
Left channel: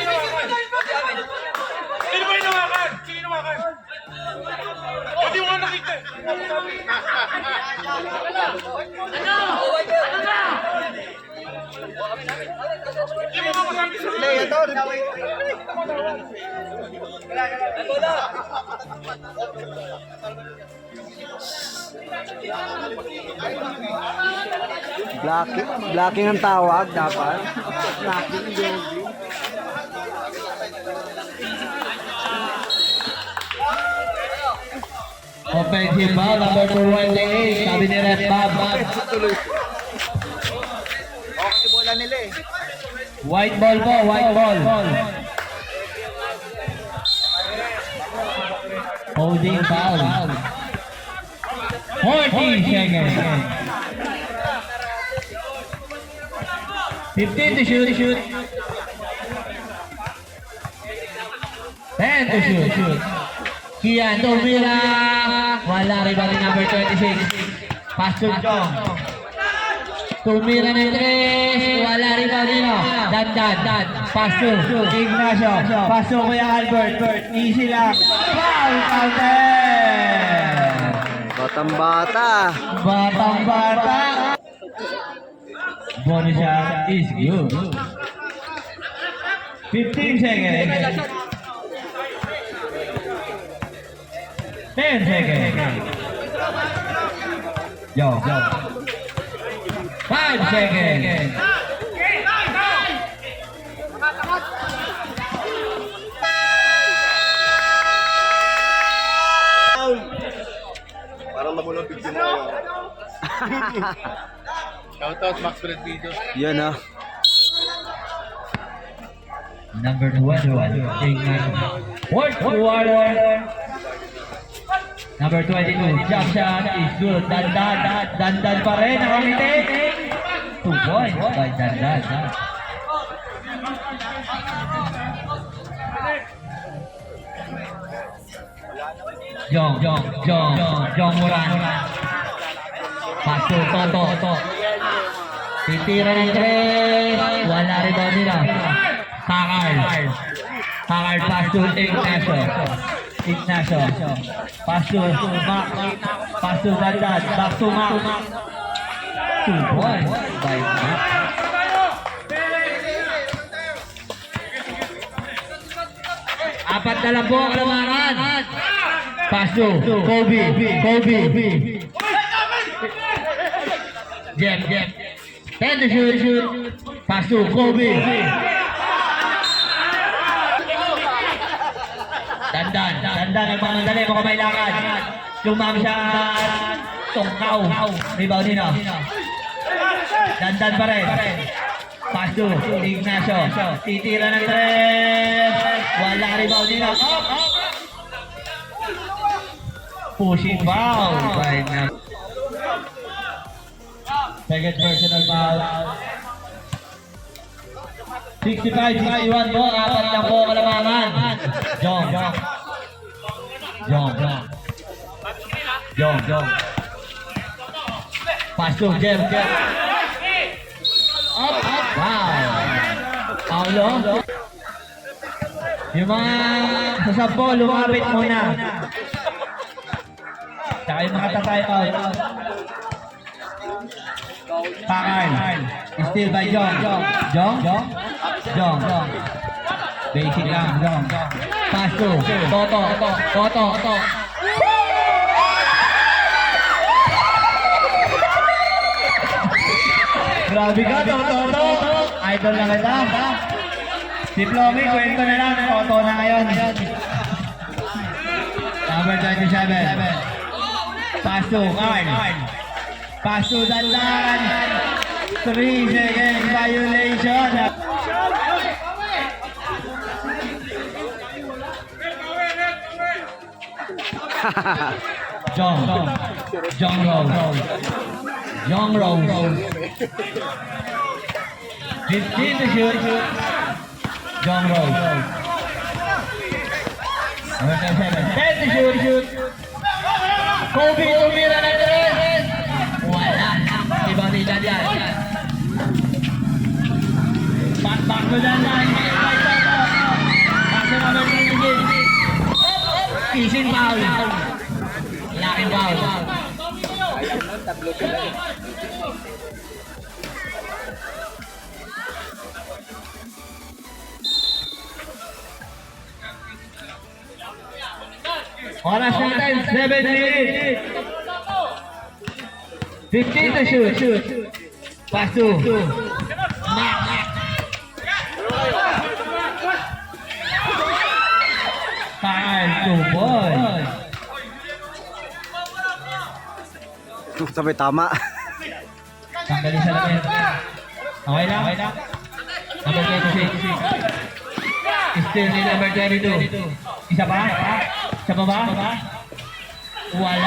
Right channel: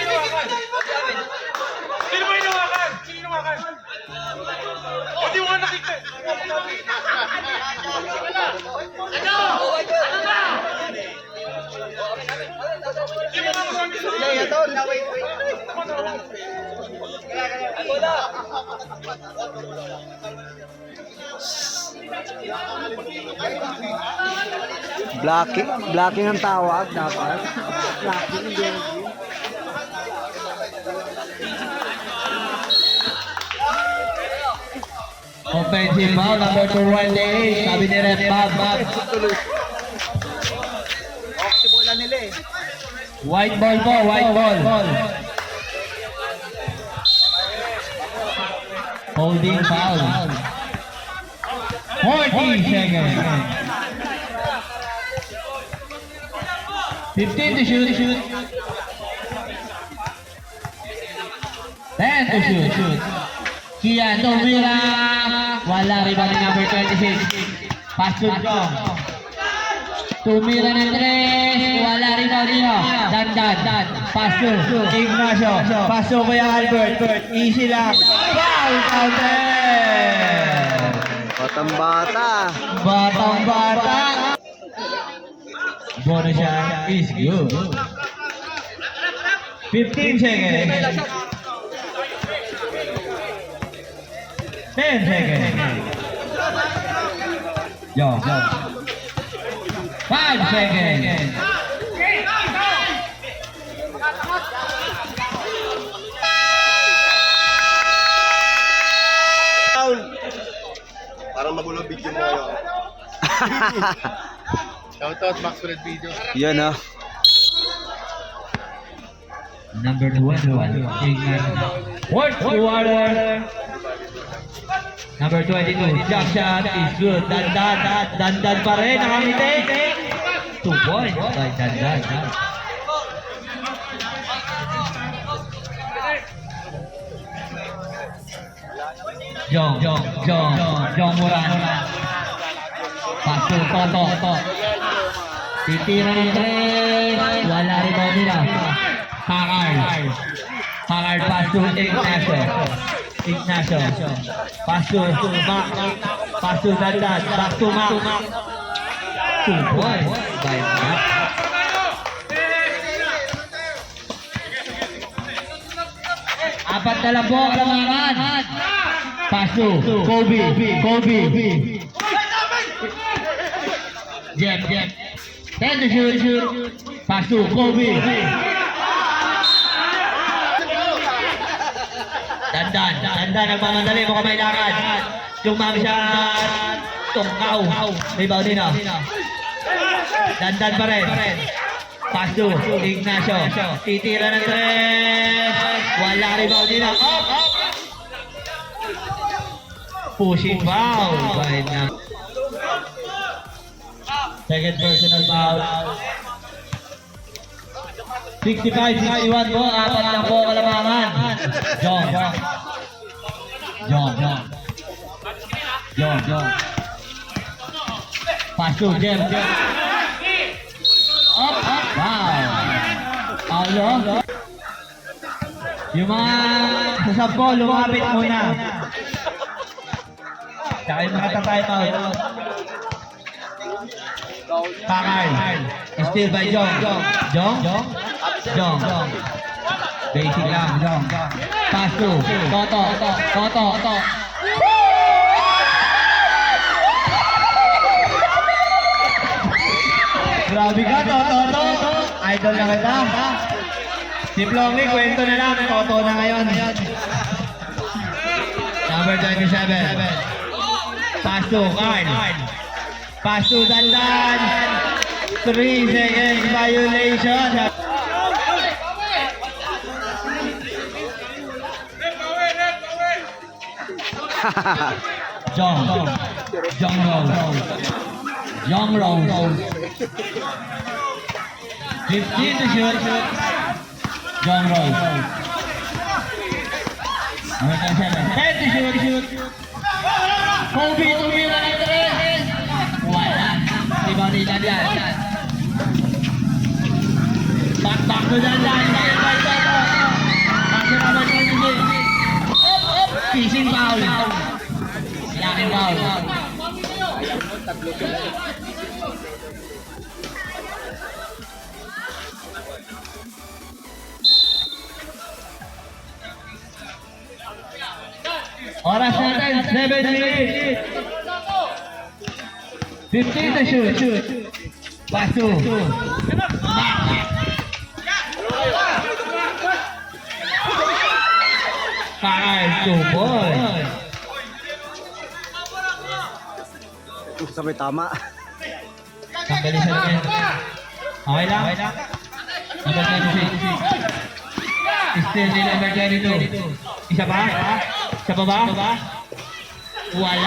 Penalty. Sino ba inawakan? Sino inawakan? O, di mo nga nakita. Di mo sabi. Di mo nga masabi sa Blocking ang tawag dapat. Offensive foul, number 28. Sabi ni Red Bob. White ball po, white ball. Holding foul. 40 seconds. 15 to shoot. 10 to shoot. Kian Tomira. Wala rebound number 26. Pass to Jong. Tumira ng 3. Wala rebound dito. Dandan. Pass to Ignacio. Pass to Kuya Albert. Easy lang. Foul counter. Batang-bata. Bonus shot is good. 15 seconds. 10 seconds. Yo. 5 seconds. Parang magulo video mo kayo. Shoutout Max Red Videos. Yun ah. Number 21, Ignacio. Work water. Number 22, jump shot is good. Dandan pa rin, nakangiti. 2 points by Dandan. Jong Moran. Paso, Toto. Titira ni Tres. Wala rin ba nila? Takal pass to Ignacio. Pass to Mac. Pass to Dandan. Back to Mac. 2 points by Mac. Apat na lang po ang lamaran. Pass to Kobe. Jeb. 10 to shoot. Pass to Kobe. Dandan ang mga dali, mukhang may lakad. Lumang shot. Tungkaw. Rebound nila. Dandan pa rin. Pass to Ignacio. Titira ng 3. Wala rebound nila. Up. Pushing foul. Second personal foul. 65-61 po. Apat lang po kalamangan. Jong. Pass to Jem. Wow. Paulo. Yung mga sasab ko, lumapit muna. Tsaka yung mga tatay out. Pakal. Still by Jong. Jong. Basic lang, Jong. Pass to Toto. Grabe ka, Toto. Idol na kita. Si Plomy, kwento na lang. Toto na ngayon. Number 27. Pass to Carl. Pass to Dandan. 3 seconds violation. Jong Rose. 15 to shoot. Jong Rose. 10 to shoot. Kobe tumira ng 3. Wala. Iba ni Dandan. Back to Dandan. Pass naman ng game. Fishing foul. Yakin foul. Oras natin, 7 minutes. 15 to shoot. Pass to Max. Five to boy. Sabay tama. Tanggalin sa lamin. Okay lang. Number 26. Still ni number 22. Isa pa? Wala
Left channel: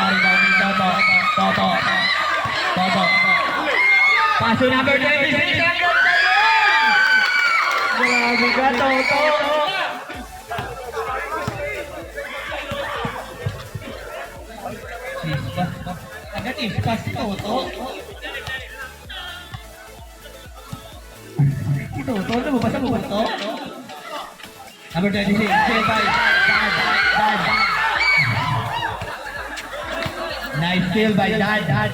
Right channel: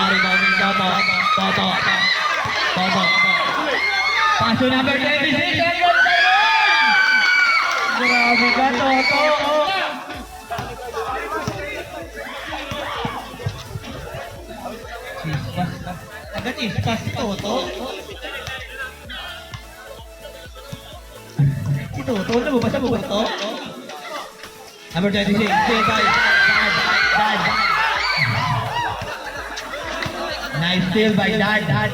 rin daw ng Toto. Paso number 26. Grabe ka, Toto. Agad ispas, Toto. Toto, lumabas ang Toto. Number 26, Jebay. Dad. Nice steal by Dad.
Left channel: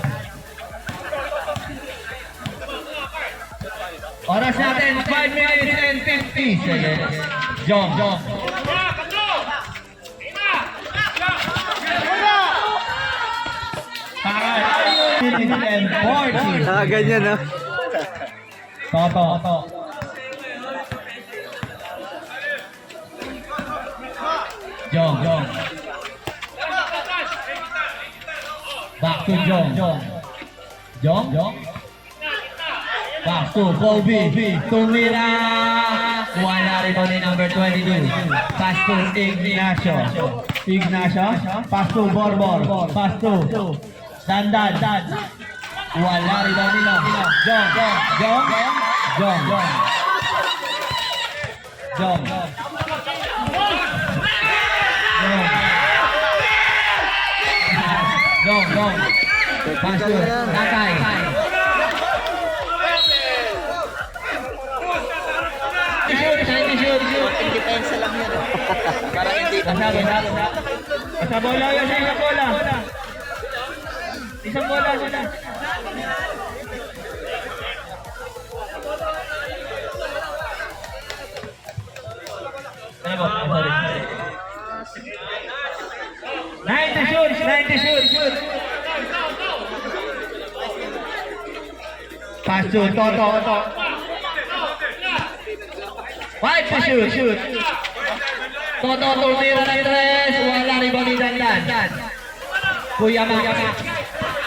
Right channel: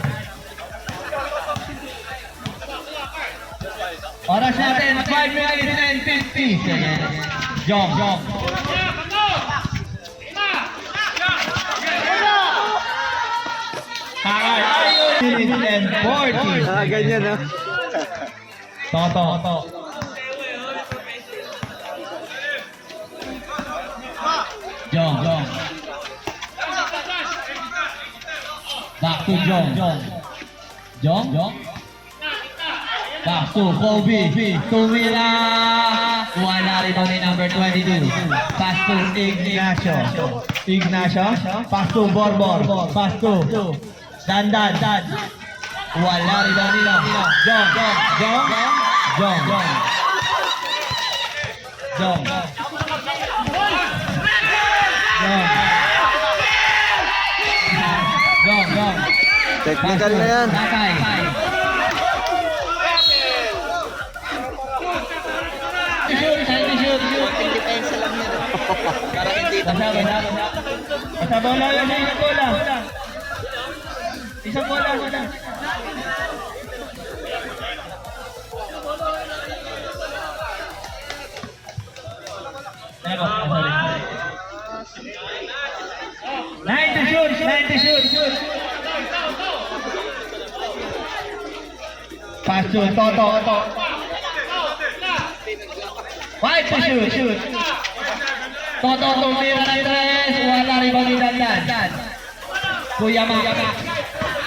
Oras natin, 5 minutes and 50 seconds. Jong. Minutes and 40. Ganyan no? Toto. Jong. Back to Jong. Back to Kobe. Tumira. Wala rin ni number 22. Pass to Ignacio. Pass to Borbor. Pass to Dandan. Wala rin nila. Jong. Technical na yan. Takay. Shoot. Konting depensa lang yan. Para hindi tangin. Basta bola yan sa isang bola. Isang bola. Sorry. 90 shoot. Pass to Toto. 5 to shoot. Toto tumira ng 3. Wala rin bang Dandan. Kuya Max.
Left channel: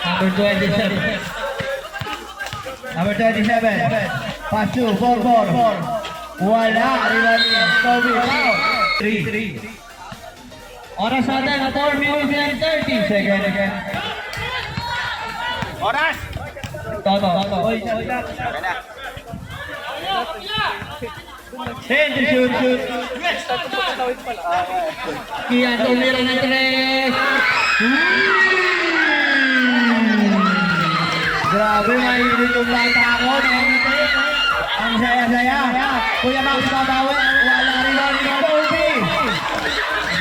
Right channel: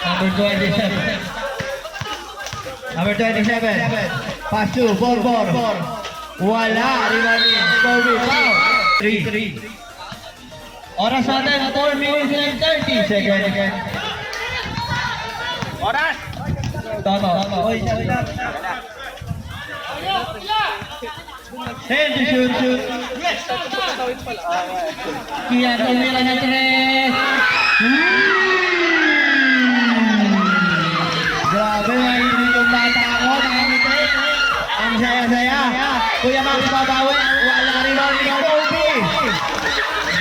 Number number 27. Number 27. Pass to 4-4. Wala. Rebounding. 3. Oras natin na 4 minutes and 30 seconds. Oras! Toto. Hey, shoot. Kian tumira ng 3. Grabe nga hindi yung bata ako. Ang saya-saya. Kuya Max Padawi. Wala rin ang Kobe.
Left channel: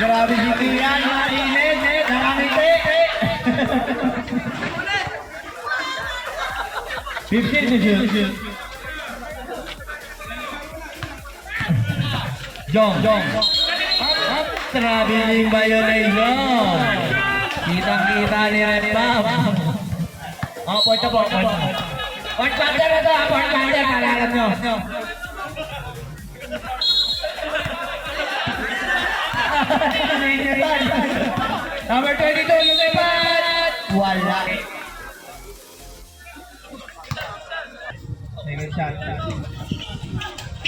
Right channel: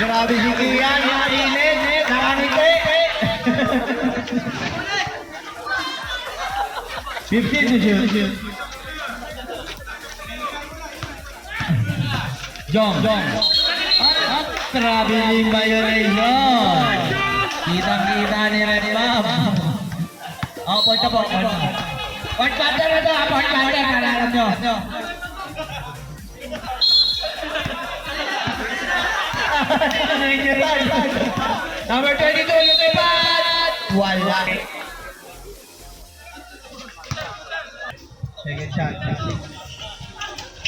Grabe si Kian. Yung init. Karangiti. 15 to shoot. Jong. Traveling violation. Kitang-kita ni Red Bob. Point po. Point counter na to. Point counter. Kalalam nyo. Number 22, lumipat. Wala. Second shot.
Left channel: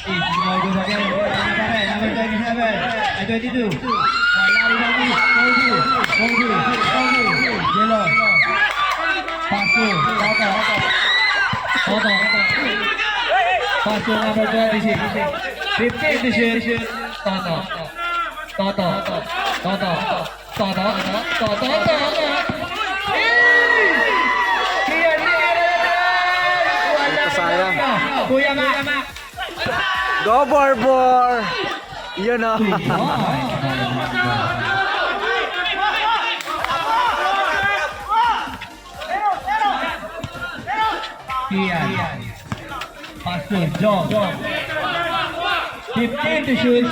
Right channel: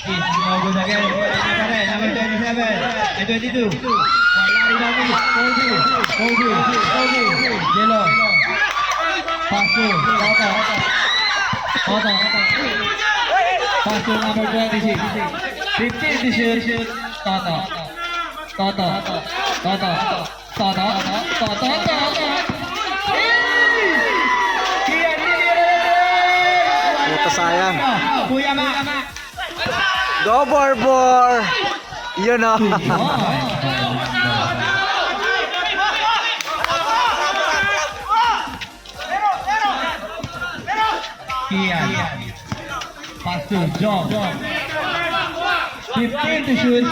Is no good again. Number 27. 22. Yellow. Pasu. Toto. Pasu number 26. 15 to shoot. Toto. Ito sayang. Kuya Max. Go, Barbor! Yun o. Kian. Pass to John. 15 to shoot.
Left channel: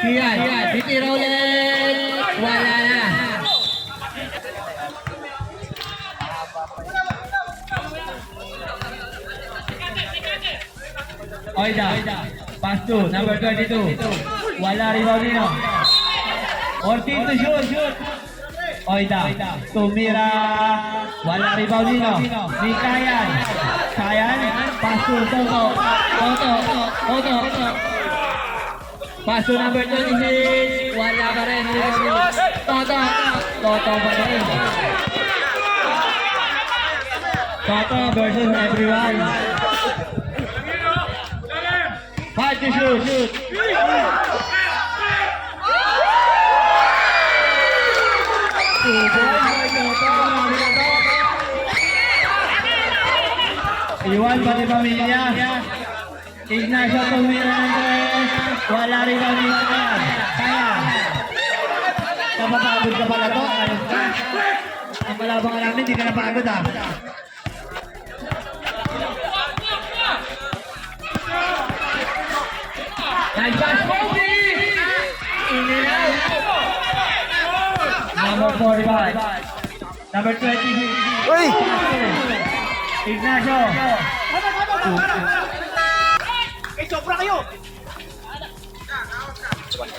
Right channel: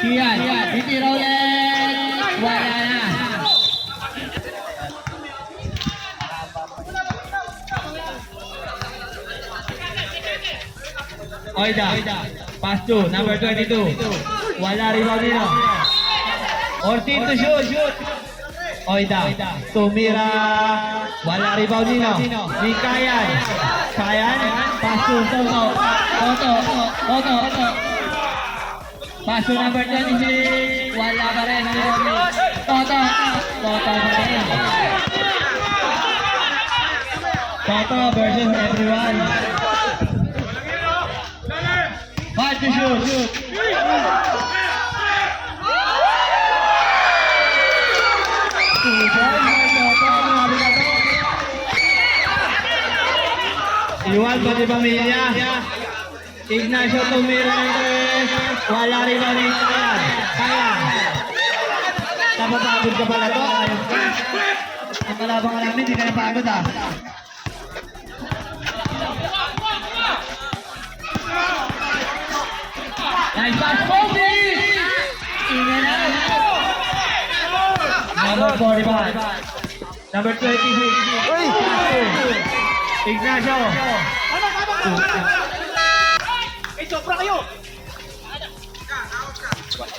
Kian. Ditira ulit. Wala na. Oida. Pass to number 22. Wala rin na. 14 to shoot. Oida. Tumira. Wala rebound nino. Di Kayan. Pass to Toto. Pass to number 26. Wala pa rin. Toto pa rin. Toto versus everyone. 5 to shoot. Iwan pati pamilya. Ignacio tumira ng 3. Wala rin ang rin. Kaya. Kapapagod ka pala po. Ang kalabang ka namin, hindi ka napagod ah. Nice pass, Kobe! Number 45. Number 26. Uy! Ignacio. Sobra kayo!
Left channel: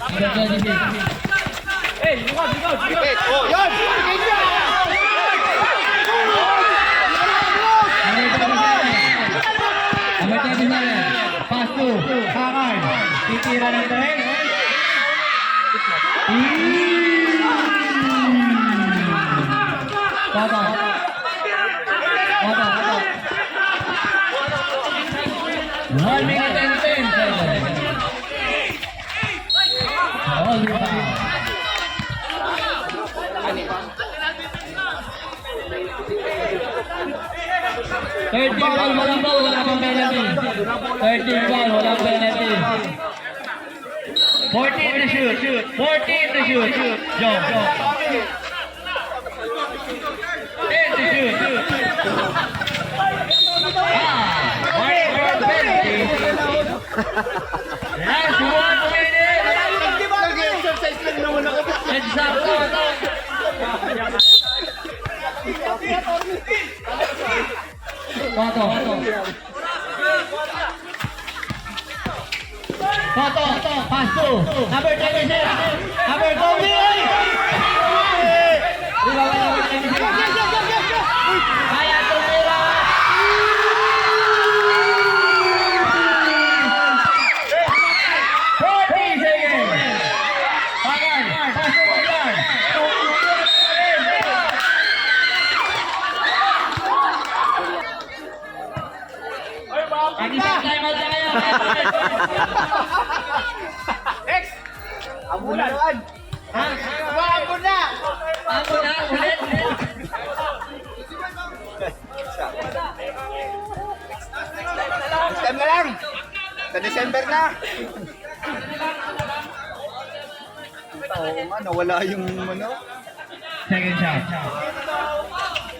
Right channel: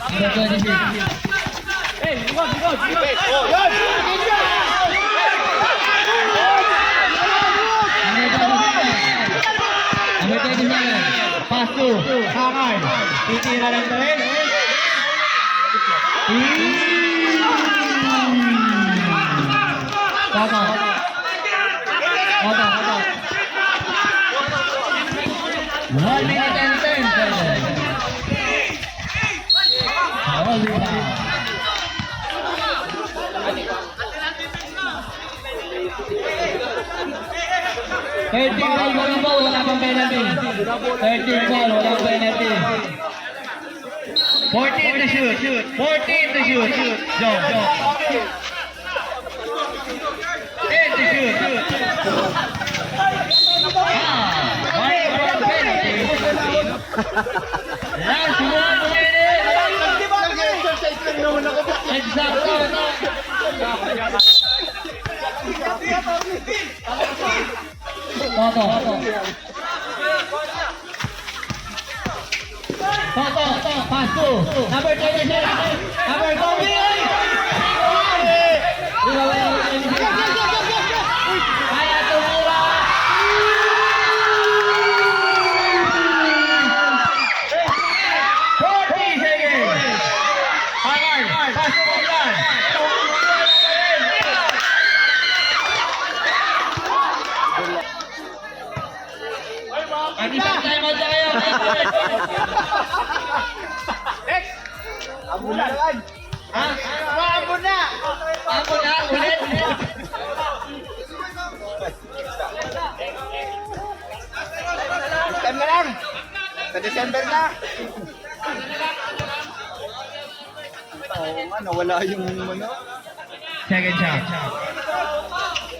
Number 26. Bukod! Number 27. Pass to Hakard. Titira ng 3. Toto. 1 minute and 10 seconds. Oliver. Thirteen foul, walang foul, wala pang penalty. 13 foul, walang penalty. 14 to shoot. 14 to shoot. Jump. 10 to shoot. Last 1 minute. Exacto. Toto. Pass to number 27. Number 48. Time na lang. Sa December na. Oo nga, nawala yung ano. Second shot.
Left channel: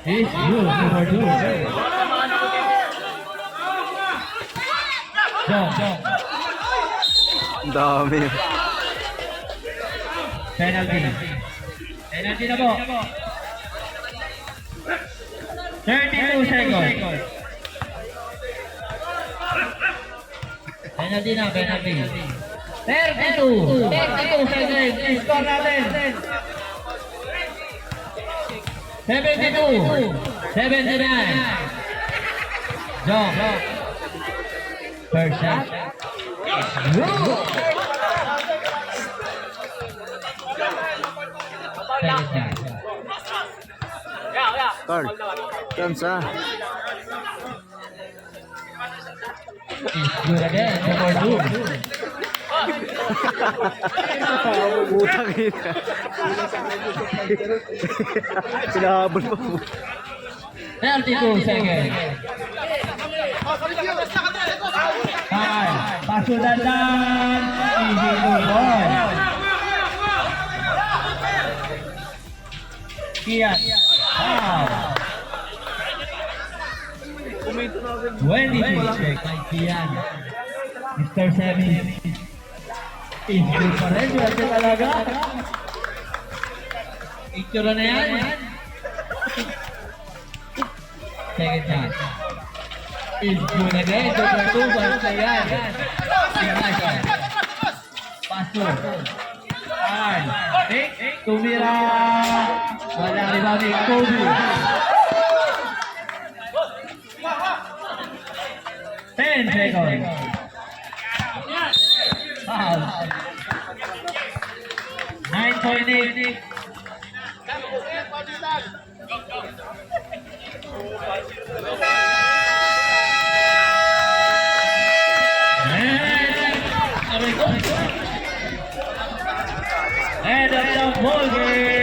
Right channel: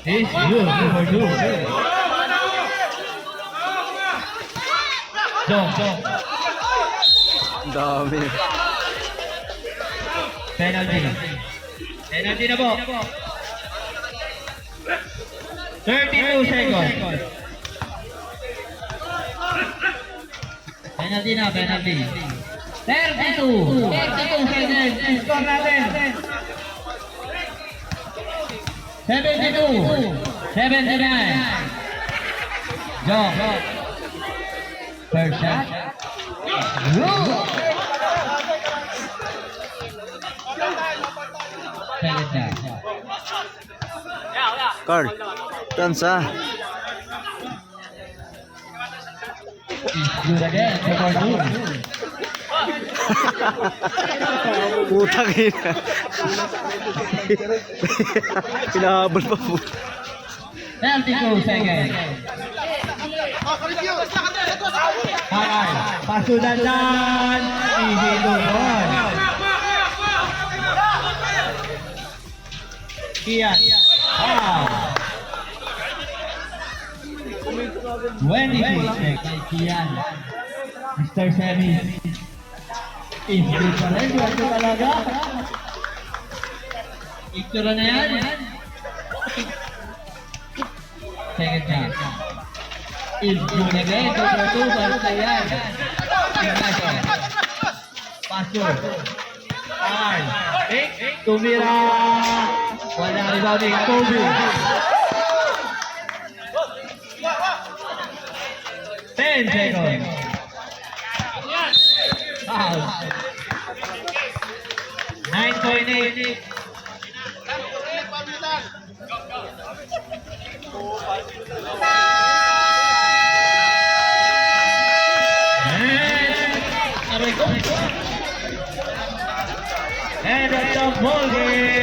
Is good. Number 2. Go. Ang dami. Penalty. Penalty na po. 32 seconds. Penalty na, penalty. 32 seconds. Score natin. 72. 79. Go. First shot. Second shot. Carl, tansa. Good again. Number 2. Putang ina. Sinahabol pa po. 32 seconds. Carl, pasudadan. Easy to goal. Kian. Wow. 26 seconds. Kian. Mr. Sammy. Easy pa rin. Wala talaga. Picture na yan. Second chance. Is good again. Number 2. Basta yan. Ignacio. Paso. Carl. Tumira. Wala rebounding. Toby. 10 seconds. Foul. 9.8. And that's the ball game.